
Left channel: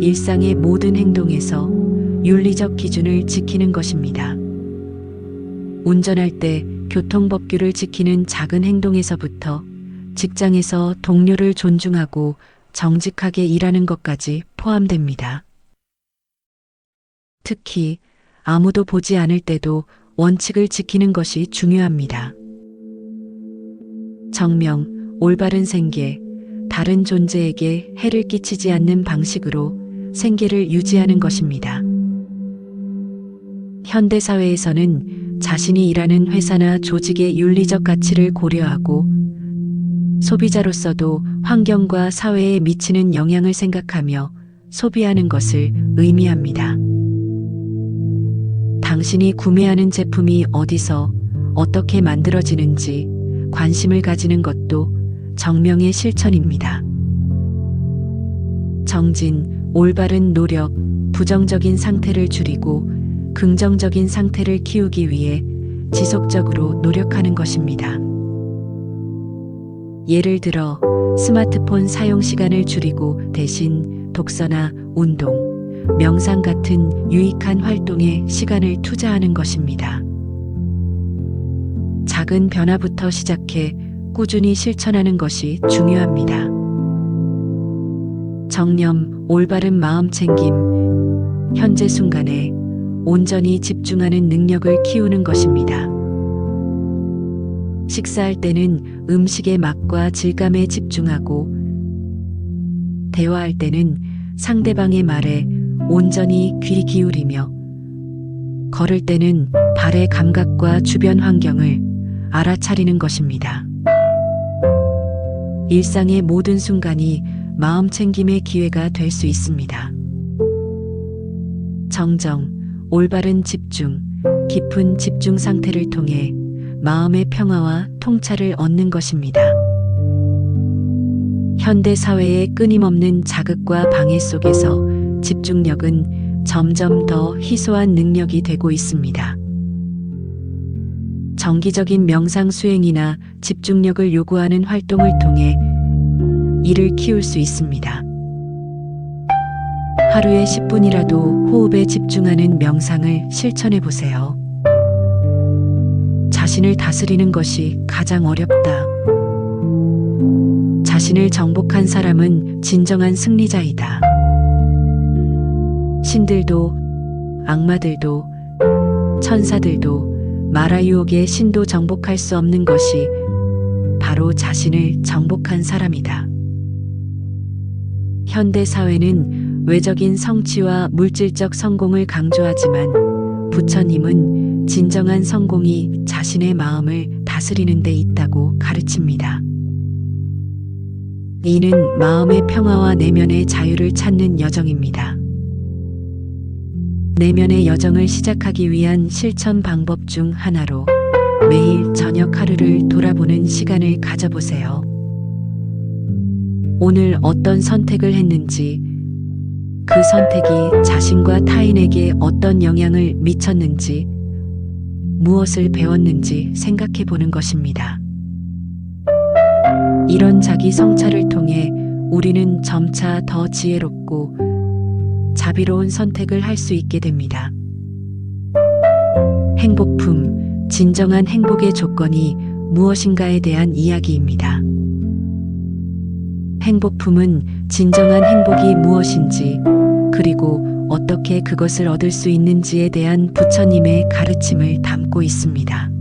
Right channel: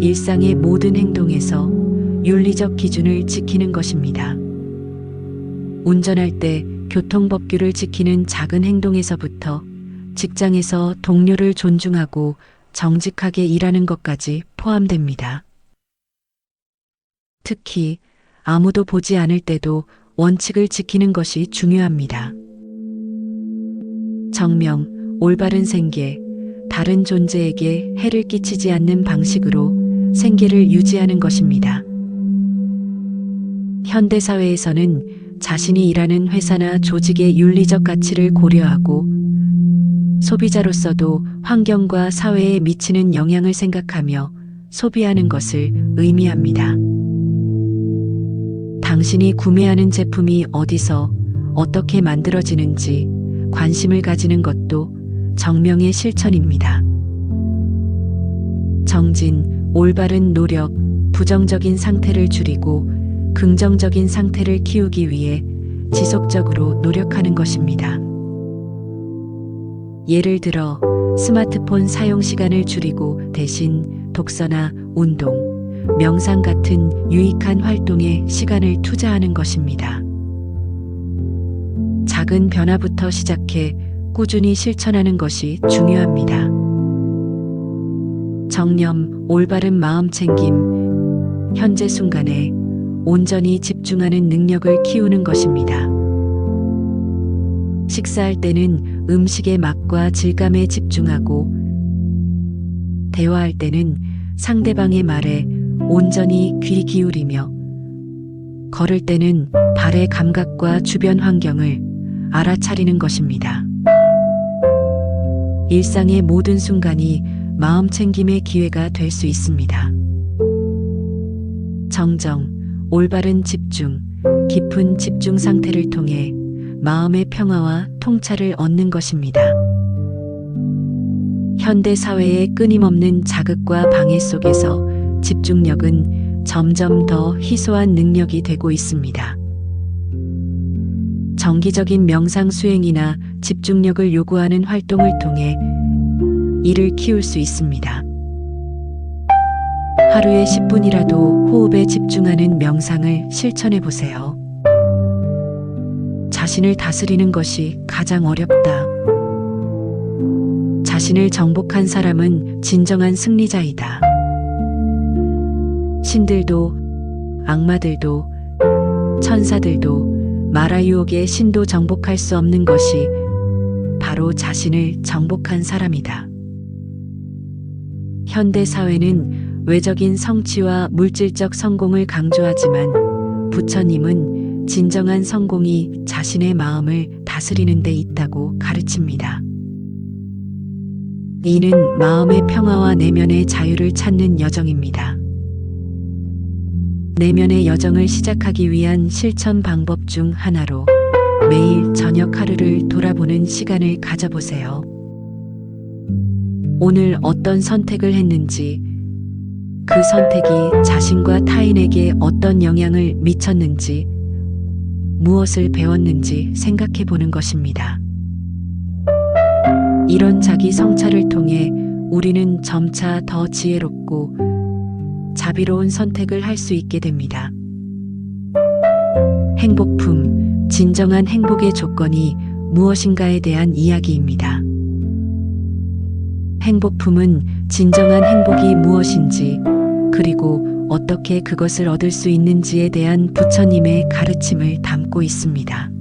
일상의 모든 행동에서 윤리적 기준을 지키는 것입니다. 운전할 때 교통법규를 지키는 작은 행동에서부터 직장에서 동료를 존중하고 정직하게 일하는 것까지 포함됩니다. 특히 아무도 보지 않을 때도 원칙을 지키는 것이 중요합니다. 정명, 올바른 생계, 다른 존재에게 해를 끼치지 않는 방식으로 생계를 유지하는 것입니다. 현대사회에서는 자신이 일하는 회사나 조직의 윤리적 가치를 고려하고 소비자로서도 환경과 사회에 미치는 영향을 생각하며 소비하는 것을 의미합니다. 당신이 구매하는 제품이 어디서 어떻게 만들어지는지 관심을 가지는 것도 정명의 실천입니다. 정진, 올바른 노력, 부정적인 상태를 줄이고 긍정적인 상태를 키우기 위해 지속적으로 노력하는 것입니다. 예를 들어 스마트폰 사용 시간을 줄이고 대신 독서나 운동, 명상 같은 유익한 활동에 시간을 투자하는 것입니다. 작은 변화부터 시작해 꾸준히 실천하는 것이 중요합니다. 정념, 올바른 마음 챙김, 현재 순간에 온전히 집중하는 능력을 키우는 것입니다. 식사할 때는 음식의 맛과 질감에 집중하고, 대화할 때는 상대방의 말에 온전히 귀 기울이며, 걸을 때는 발의 감각과 주변 환경을 알아차리는 것입니다. 일상의 모든 순간이 마음 챙김의 기회가 될 수 있습니다. 정정, 올바른 집중, 깊은 집중 상태를 통해 마음의 평화와 통찰을 얻는 것입니다. 현대 사회의 끊임없는 자극과 방해 속에서 집중력은 점점 더 희소한 능력이 되고 있습니다. 정기적인 명상 수행이나 집중력을 요구하는 활동을 통해 이를 키울 수 있습니다. 하루에 10분이라도 호흡에 집중하는 명상을 실천해 보세요. 자신을 다스리는 것이 가장 어렵다. 자신을 정복한 사람은 진정한 승리자이다. 신들도, 악마들도, 천사들도 마라 유혹의 신도 정복할 수 없는 것이 바로 자신을 정복한 사람이다. 현대 사회는 외적인 성취와 물질적 성공을 강조하지만 부처님은 진정한 성공이 자신의 마음을 다스리는 데 있다고 가르칩니다. 이는 마음의 평화와 내면의 자유를 찾는 여정입니다. 내면의 여정을 시작하기 위한 실천 방법 중 하나로 매일 저녁 하루를 돌아보는 시간을 가져보세요. 오늘 어떤 선택을 했는지, 그 선택이 자신과 타인에게 어떤 영향을 미쳤는지, 무엇을 배웠는지 생각해 보는 것입니다. 이런 자기 성찰을 통해 우리는 점차 더 지혜롭고 자비로운 선택을 할 수 있게 됩니다. 행복품, 진정한 행복의 조건이 무엇인가에 대한 이야기입니다. 행복품은 진정한 행복이 무엇인지, 그리고 어떻게 그것을 얻을 수 있는지에 대한 부처님의 가르침을 담고 있습니다.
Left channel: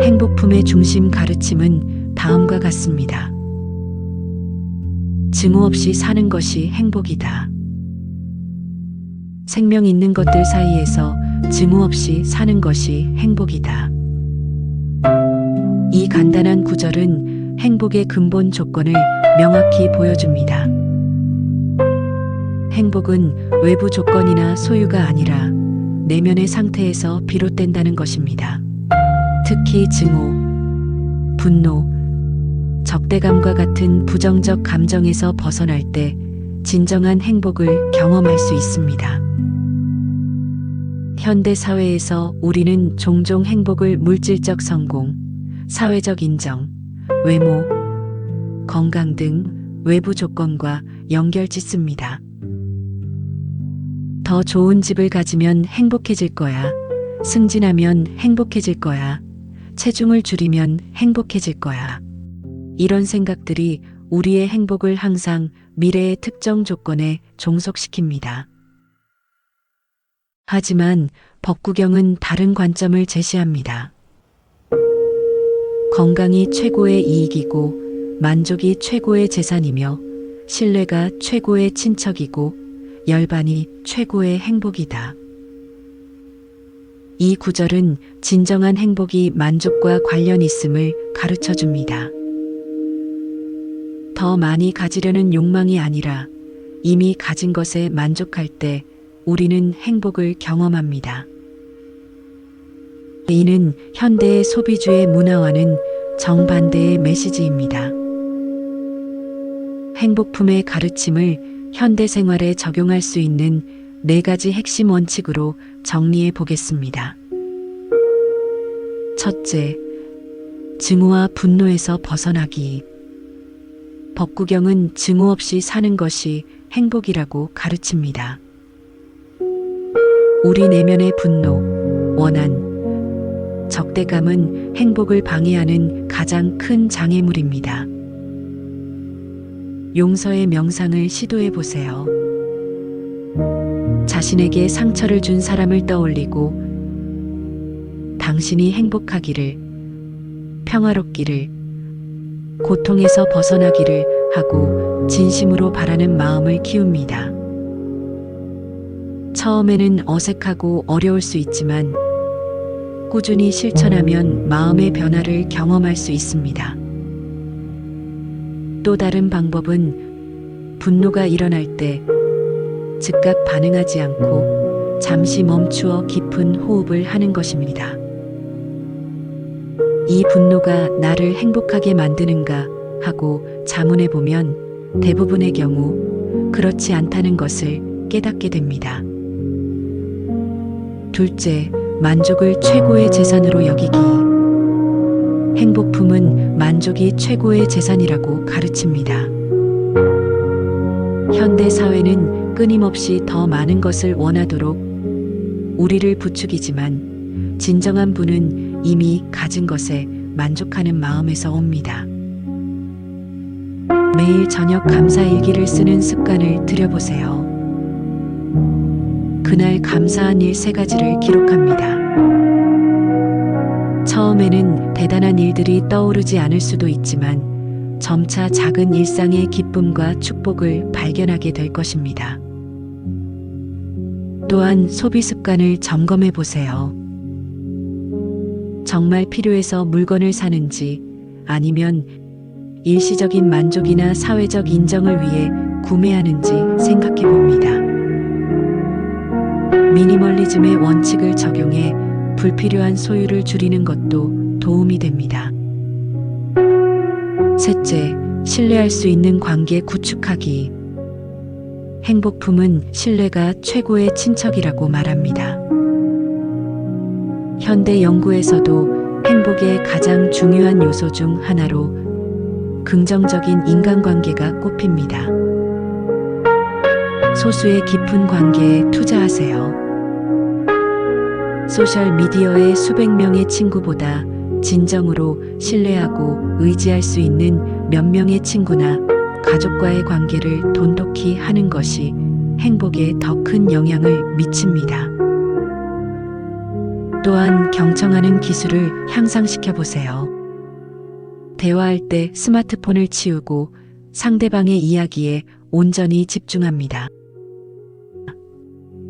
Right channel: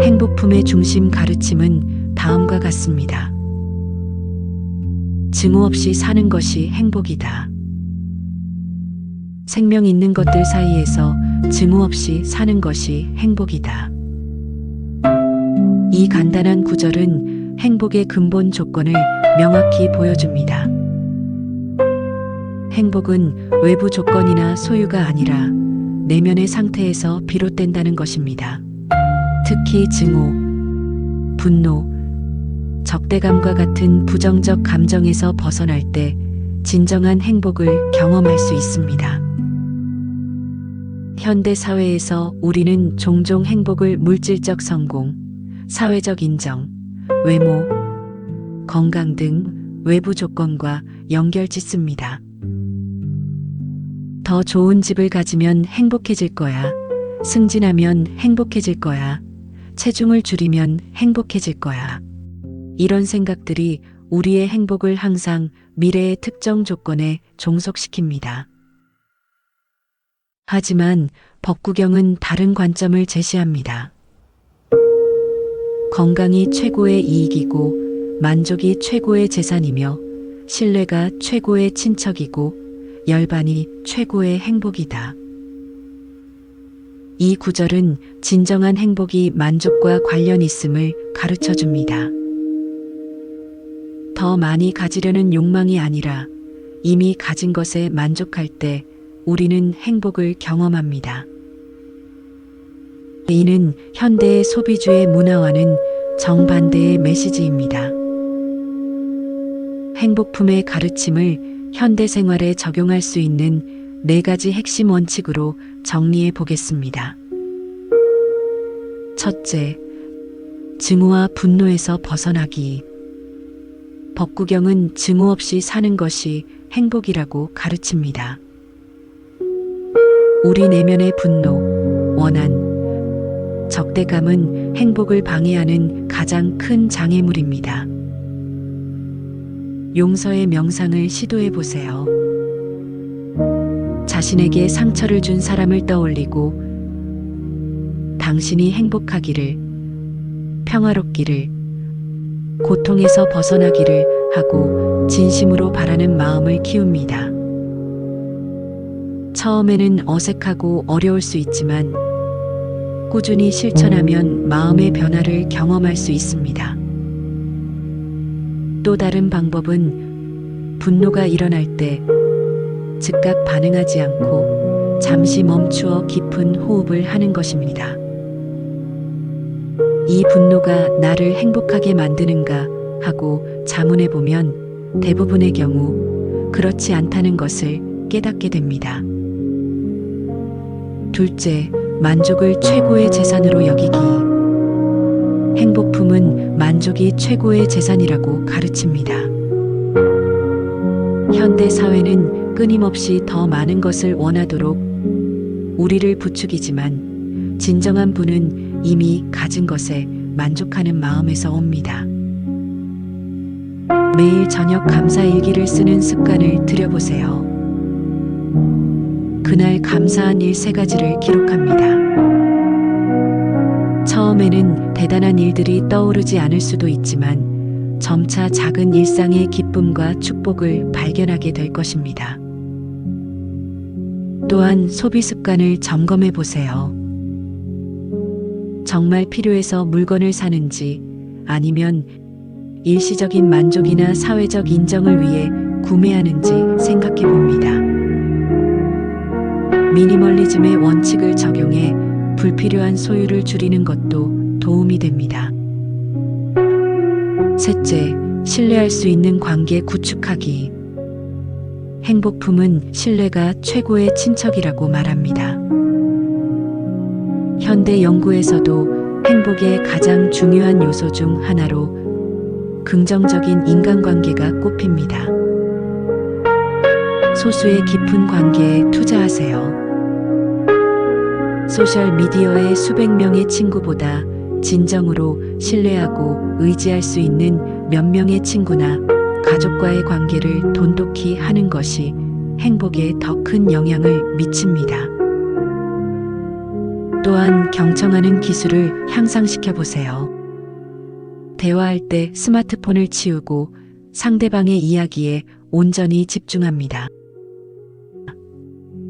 행복품의 중심 가르침은 다음과 같습니다. 증오 없이 사는 것이 행복이다. 생명 있는 것들 사이에서 증오 없이 사는 것이 행복이다. 이 간단한 구절은 행복의 근본 조건을 명확히 보여줍니다. 행복은 외부 조건이나 소유가 아니라 내면의 상태에서 비롯된다는 것입니다. 특히 증오, 분노, 적대감과 같은 부정적 감정에서 벗어날 때 진정한 행복을 경험할 수 있습니다. 현대 사회에서 우리는 종종 행복을 물질적 성공, 사회적 인정, 외모, 건강 등 외부 조건과 연결짓습니다. 더 좋은 집을 가지면 행복해질 거야. 승진하면 행복해질 거야. 체중을 줄이면 행복해질 거야. 이런 생각들이 우리의 행복을 항상 미래의 특정 조건에 종속시킵니다. 하지만 법구경은 다른 관점을 제시합니다. 건강이 최고의 이익이고 만족이 최고의 재산이며 신뢰가 최고의 친척이고 열반이 최고의 행복이다. 이 구절은 진정한 행복이 만족과 관련 있음을 가르쳐 줍니다. 더 많이 가지려는 욕망이 아니라 이미 가진 것에 만족할 때 우리는 행복을 경험합니다. 이는 현대의 소비주의 문화와는 정반대의 메시지입니다. 행복품의 가르침을 현대 생활에 적용할 수 있는 4가지 핵심 원칙으로 정리해 보겠습니다. 첫째, 증오와 분노에서 벗어나기. 법구경은 증오 없이 사는 것이 행복이라고 가르칩니다. 우리 내면의 분노, 원한, 적대감은 행복을 방해하는 가장 큰 장애물입니다. 용서의 명상을 시도해 보세요. 자신에게 상처를 준 사람을 떠올리고 당신이 행복하기를, 평화롭기를, 고통에서 벗어나기를 하고 진심으로 바라는 마음을 키웁니다. 처음에는 어색하고 어려울 수 있지만 꾸준히 실천하면 마음의 변화를 경험할 수 있습니다. 또 다른 방법은 분노가 일어날 때 즉각 반응하지 않고 잠시 멈추어 깊은 호흡을 하는 것입니다. 이 분노가 나를 행복하게 만드는가 하고 자문해 보면 대부분의 경우 그렇지 않다는 것을 깨닫게 됩니다. 둘째, 만족을 최고의 재산으로 여기기. 행복품은 만족이 최고의 재산이라고 가르칩니다. 현대 사회는 끊임없이 더 많은 것을 원하도록 우리를 부추기지만 진정한 부는 이미 가진 것에 만족하는 마음에서 옵니다. 매일 저녁 감사 일기를 쓰는 습관을 들여보세요. 그날 감사한 일 3가지를 기록합니다. 처음에는 대단한 일들이 떠오르지 않을 수도 있지만 점차 작은 일상의 기쁨과 축복을 발견하게 될 것입니다. 또한 소비 습관을 점검해 보세요. 정말 필요해서 물건을 사는지 아니면 일시적인 만족이나 사회적 인정을 위해 구매하는지 생각해 봅니다. 미니멀리즘의 원칙을 적용해 불필요한 소유를 줄이는 것도 도움이 됩니다. 셋째, 신뢰할 수 있는 관계 구축하기. 행복품은 신뢰가 최고의 친척이라고 말합니다. 현대 연구에서도 행복의 가장 중요한 요소 중 하나로 긍정적인 인간관계가 꼽힙니다. 소수의 깊은 관계에 투자하세요. 소셜미디어의 수백 명의 친구보다 진정으로 신뢰하고 의지할 수 있는 몇 명의 친구나 가족과의 관계를 돈독히 하는 것이 행복에 더 큰 영향을 미칩니다. 또한 경청하는 기술을 향상시켜 보세요. 대화할 때 스마트폰을 치우고 상대방의 이야기에 온전히 집중합니다.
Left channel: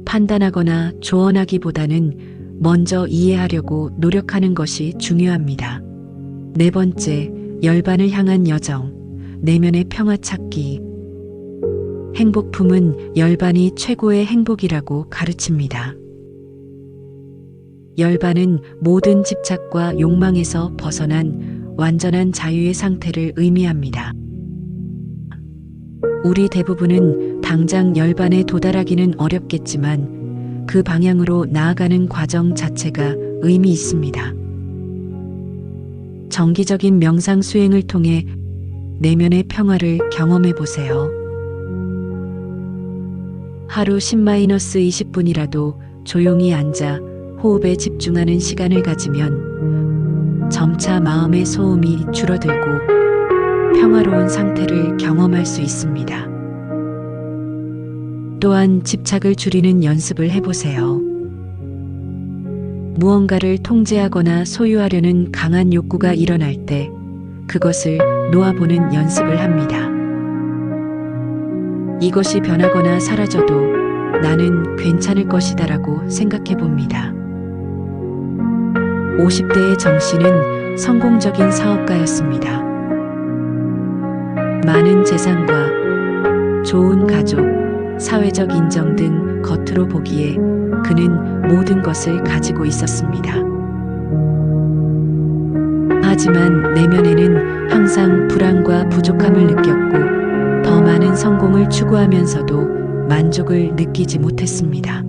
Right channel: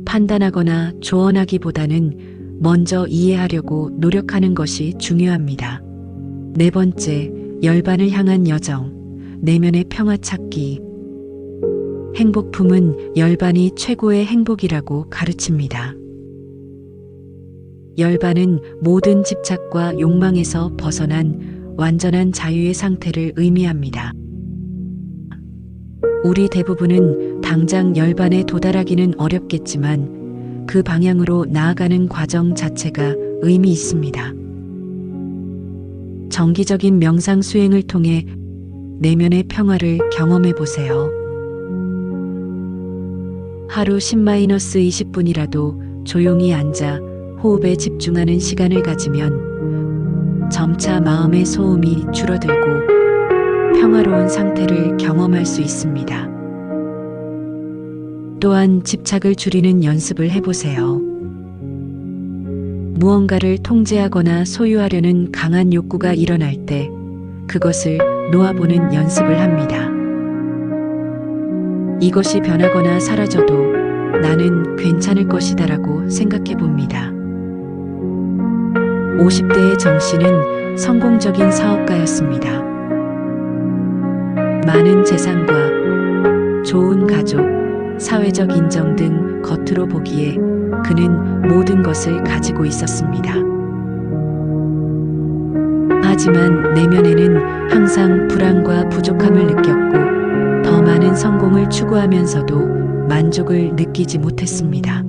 판단하거나 조언하기보다는 먼저 이해하려고 노력하는 것이 중요합니다. 4번째, 열반을 향한 여정, 내면의 평화 찾기. 행복품은 열반이 최고의 행복이라고 가르칩니다. 열반은 모든 집착과 욕망에서 벗어난 완전한 자유의 상태를 의미합니다. 우리 대부분은 당장 열반에 도달하기는 어렵겠지만 그 방향으로 나아가는 과정 자체가 의미 있습니다. 정기적인 명상 수행을 통해 내면의 평화를 경험해 보세요. 하루 10-20분이라도 조용히 앉아 호흡에 집중하는 시간을 가지면 점차 마음의 소음이 줄어들고 평화로운 상태를 경험할 수 있습니다. 또한 집착을 줄이는 연습을 해보세요. 무언가를 통제하거나 소유하려는 강한 욕구가 일어날 때 그것을 놓아보는 연습을 합니다. 이것이 변하거나 사라져도 나는 괜찮을 것이다라고 생각해 봅니다. 50대의 정 씨는 성공적인 사업가였습니다. 많은 재산과 좋은 가족, 사회적 인정 등 겉으로 보기에 그는 모든 것을 가지고 있었습니다. 하지만 내면에는 항상 불안과 부족함을 느꼈고 더 많은 성공을 추구하면서도 만족을 느끼지 못했습니다.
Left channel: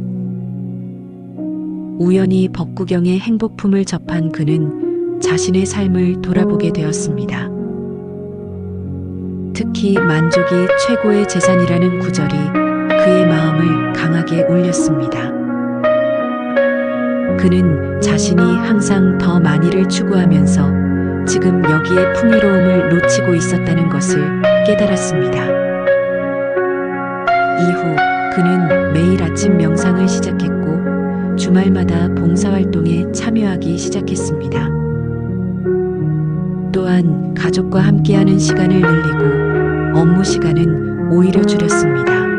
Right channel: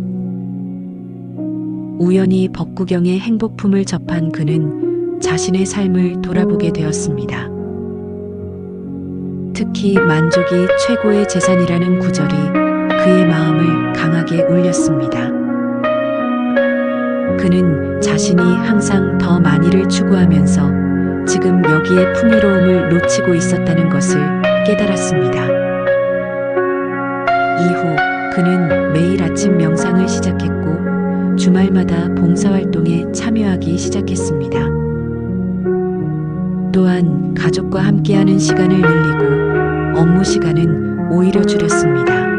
우연히 법구경의 행복품을 접한 그는 자신의 삶을 돌아보게 되었습니다. 특히 만족이 최고의 재산이라는 구절이 그의 마음을 강하게 울렸습니다. 그는 자신이 항상 더 많이를 추구하면서 지금 여기에 풍요로움을 놓치고 있었다는 것을 깨달았습니다. 이후 그는 매일 아침 명상을 시작했고 주말마다 봉사활동에 참여하기 시작했습니다. 또한 가족과 함께하는 시간을 늘리고 업무 시간은 오히려 줄였습니다.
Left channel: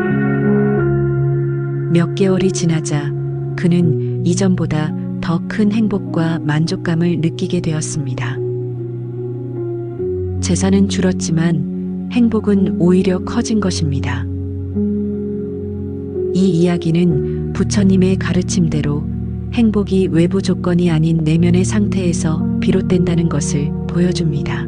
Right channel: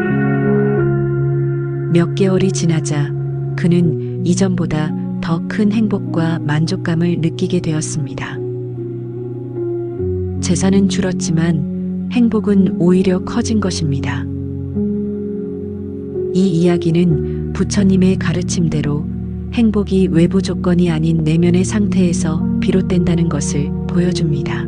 몇 개월이 지나자 그는 이전보다 더 큰 행복과 만족감을 느끼게 되었습니다. 재산은 줄었지만 행복은 오히려 커진 것입니다. 이 이야기는 부처님의 가르침대로 행복이 외부 조건이 아닌 내면의 상태에서 비롯된다는 것을 보여줍니다.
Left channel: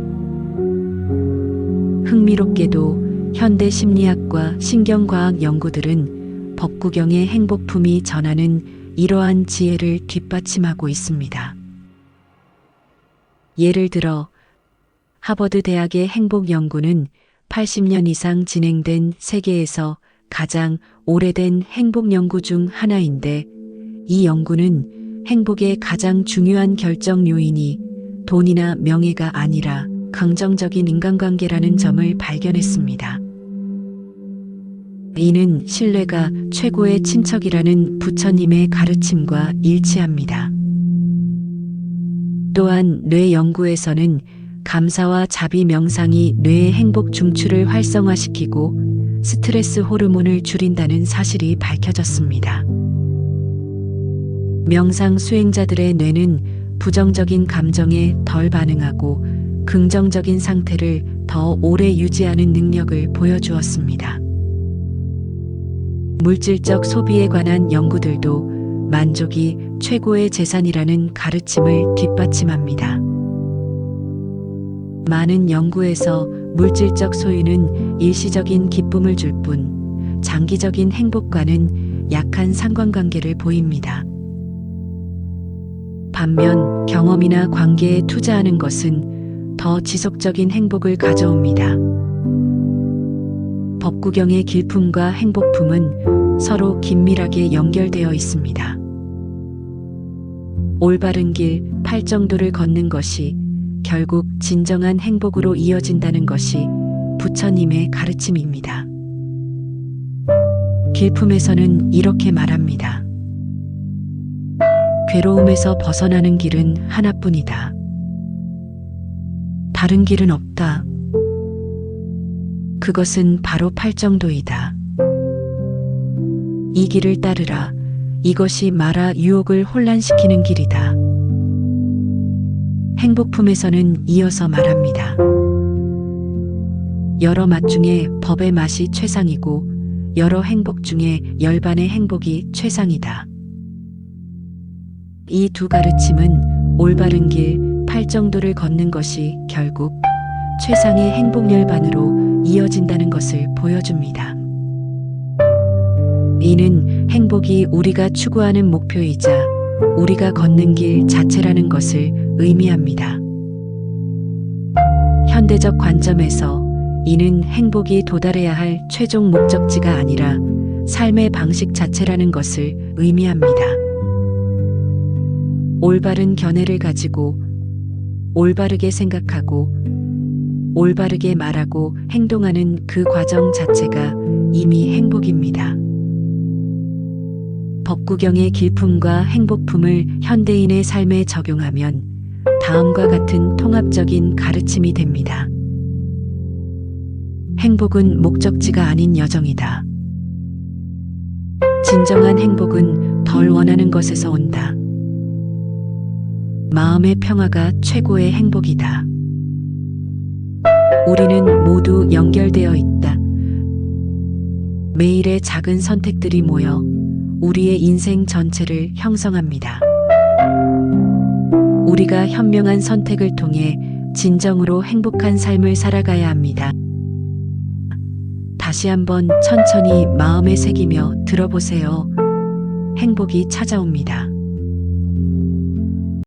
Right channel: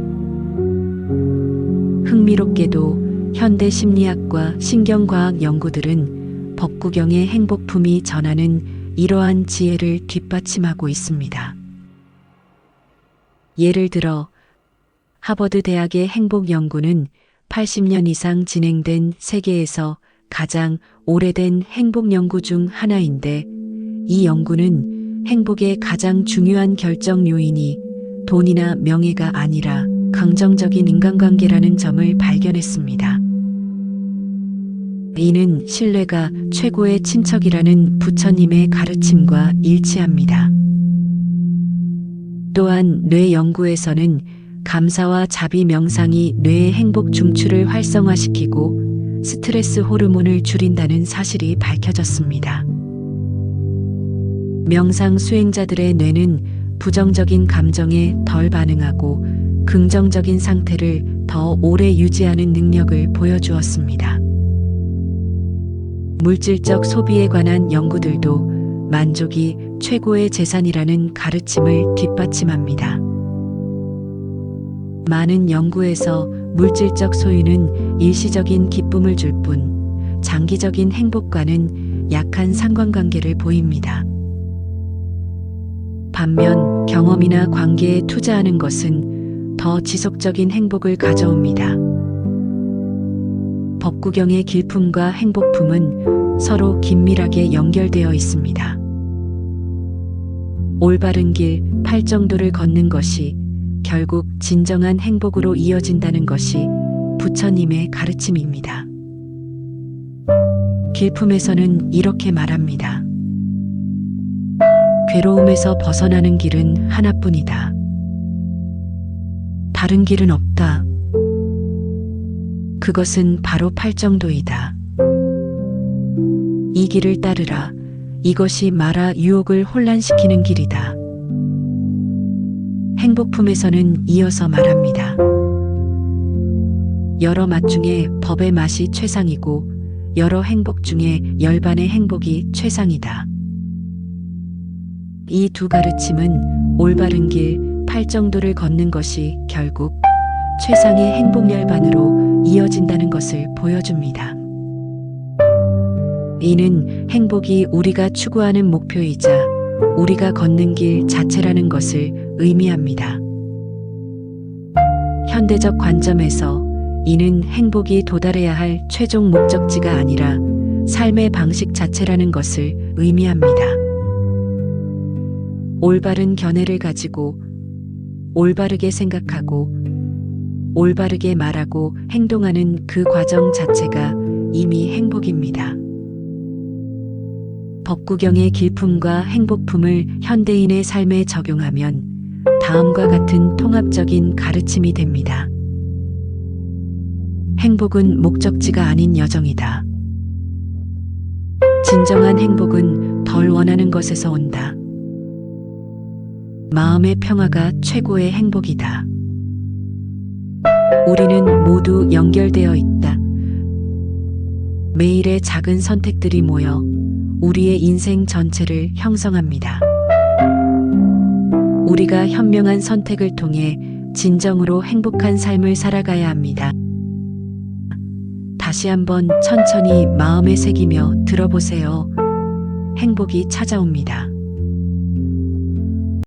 흥미롭게도 현대 심리학과 신경과학 연구들은 법구경의 행복품이 전하는 이러한 지혜를 뒷받침하고 있습니다. 예를 들어 하버드 대학의 행복 연구는 80년 이상 진행된 세계에서 가장 오래된 행복 연구 중 하나인데 이 연구는 행복의 가장 중요한 결정 요인이 돈이나 명예가 아니라 긍정적인 인간관계라는 점을 발견했습니다. 이는 신뢰가 최고의 친척이라는 부처님의 가르침과 일치합니다. 또한 뇌 연구에서는 감사와 자비 명상이 뇌의 행복 중추를 활성화시키고 스트레스 호르몬을 줄인다는 사실이 밝혀졌습니다. 명상 수행자들의 뇌는 부정적인 감정에 덜 반응하고 긍정적인 상태를 더 오래 유지하는 능력을 보여주었습니다. 물질적 소비에 관한 연구들도 만족이 최고의 재산이라는 가르침을 뒷받침합니다. 많은 연구에서 물질적 소유는 일시적인 기쁨을 줄 뿐 장기적인 행복과는 약한 상관관계를 보입니다. 반면 경험이나 관계에 투자하는 것은 더 지속적인 행복을 가져옵니다. 법구경의 길품과 행복품은 서로 긴밀하게 연결되어 있습니다. 올바른 길, 팔정도를 걷는 것이 결국 진정한 행복으로 이어진다는 것이 부처님의 가르침입니다. 길품에서는 이렇게 말합니다. 괴로움에서 벗어나는 길은 하나뿐이다. 다른 길은 없다. 그것은 바로 팔정도이다. 이 길을 따르라. 이것이 마라 유혹을 혼란시키는 길이다. 행복품에서는 이어서 말합니다. 여러 맛 중에 법의 맛이 최상이고 여러 행복 중에 열반의 행복이 최상이다. 이 두 가르침은 올바른 길, 팔정도를 걷는 것이 결국 최상의 행복 열반으로 이어진다는 것을 보여줍니다. 이는 행복이 우리가 추구하는 목표이자 우리가 걷는 길 자체라는 것을 의미합니다. 현대적 관점에서 이는 행복이 도달해야 할 최종 목적지가 아니라 삶의 방식 자체라는 것을 의미합니다. 올바른 견해를 가지고 올바르게 생각하고 올바르게 말하고 행동하는 그 과정 자체가 이미 행복입니다. 법구경의 길품과 행복품을 현대인의 삶에 적용하면 다음과 같은 통합적인 가르침이 됩니다. 행복은 목적지가 아닌 여정이다. 진정한 행복은 덜 원하는 것에서 온다. 마음의 평화가 최고의 행복이다. 우리는 모두 연결되어 있다. 매일의 작은 선택들이 모여 우리의 인생 전체를 형성합니다. 우리가 현명한 선택을 통해 진정으로 행복한 삶을 살아가야 합니다. 다시 한번 천천히 마음에 새기며 들어보세요. 행복이 찾아옵니다.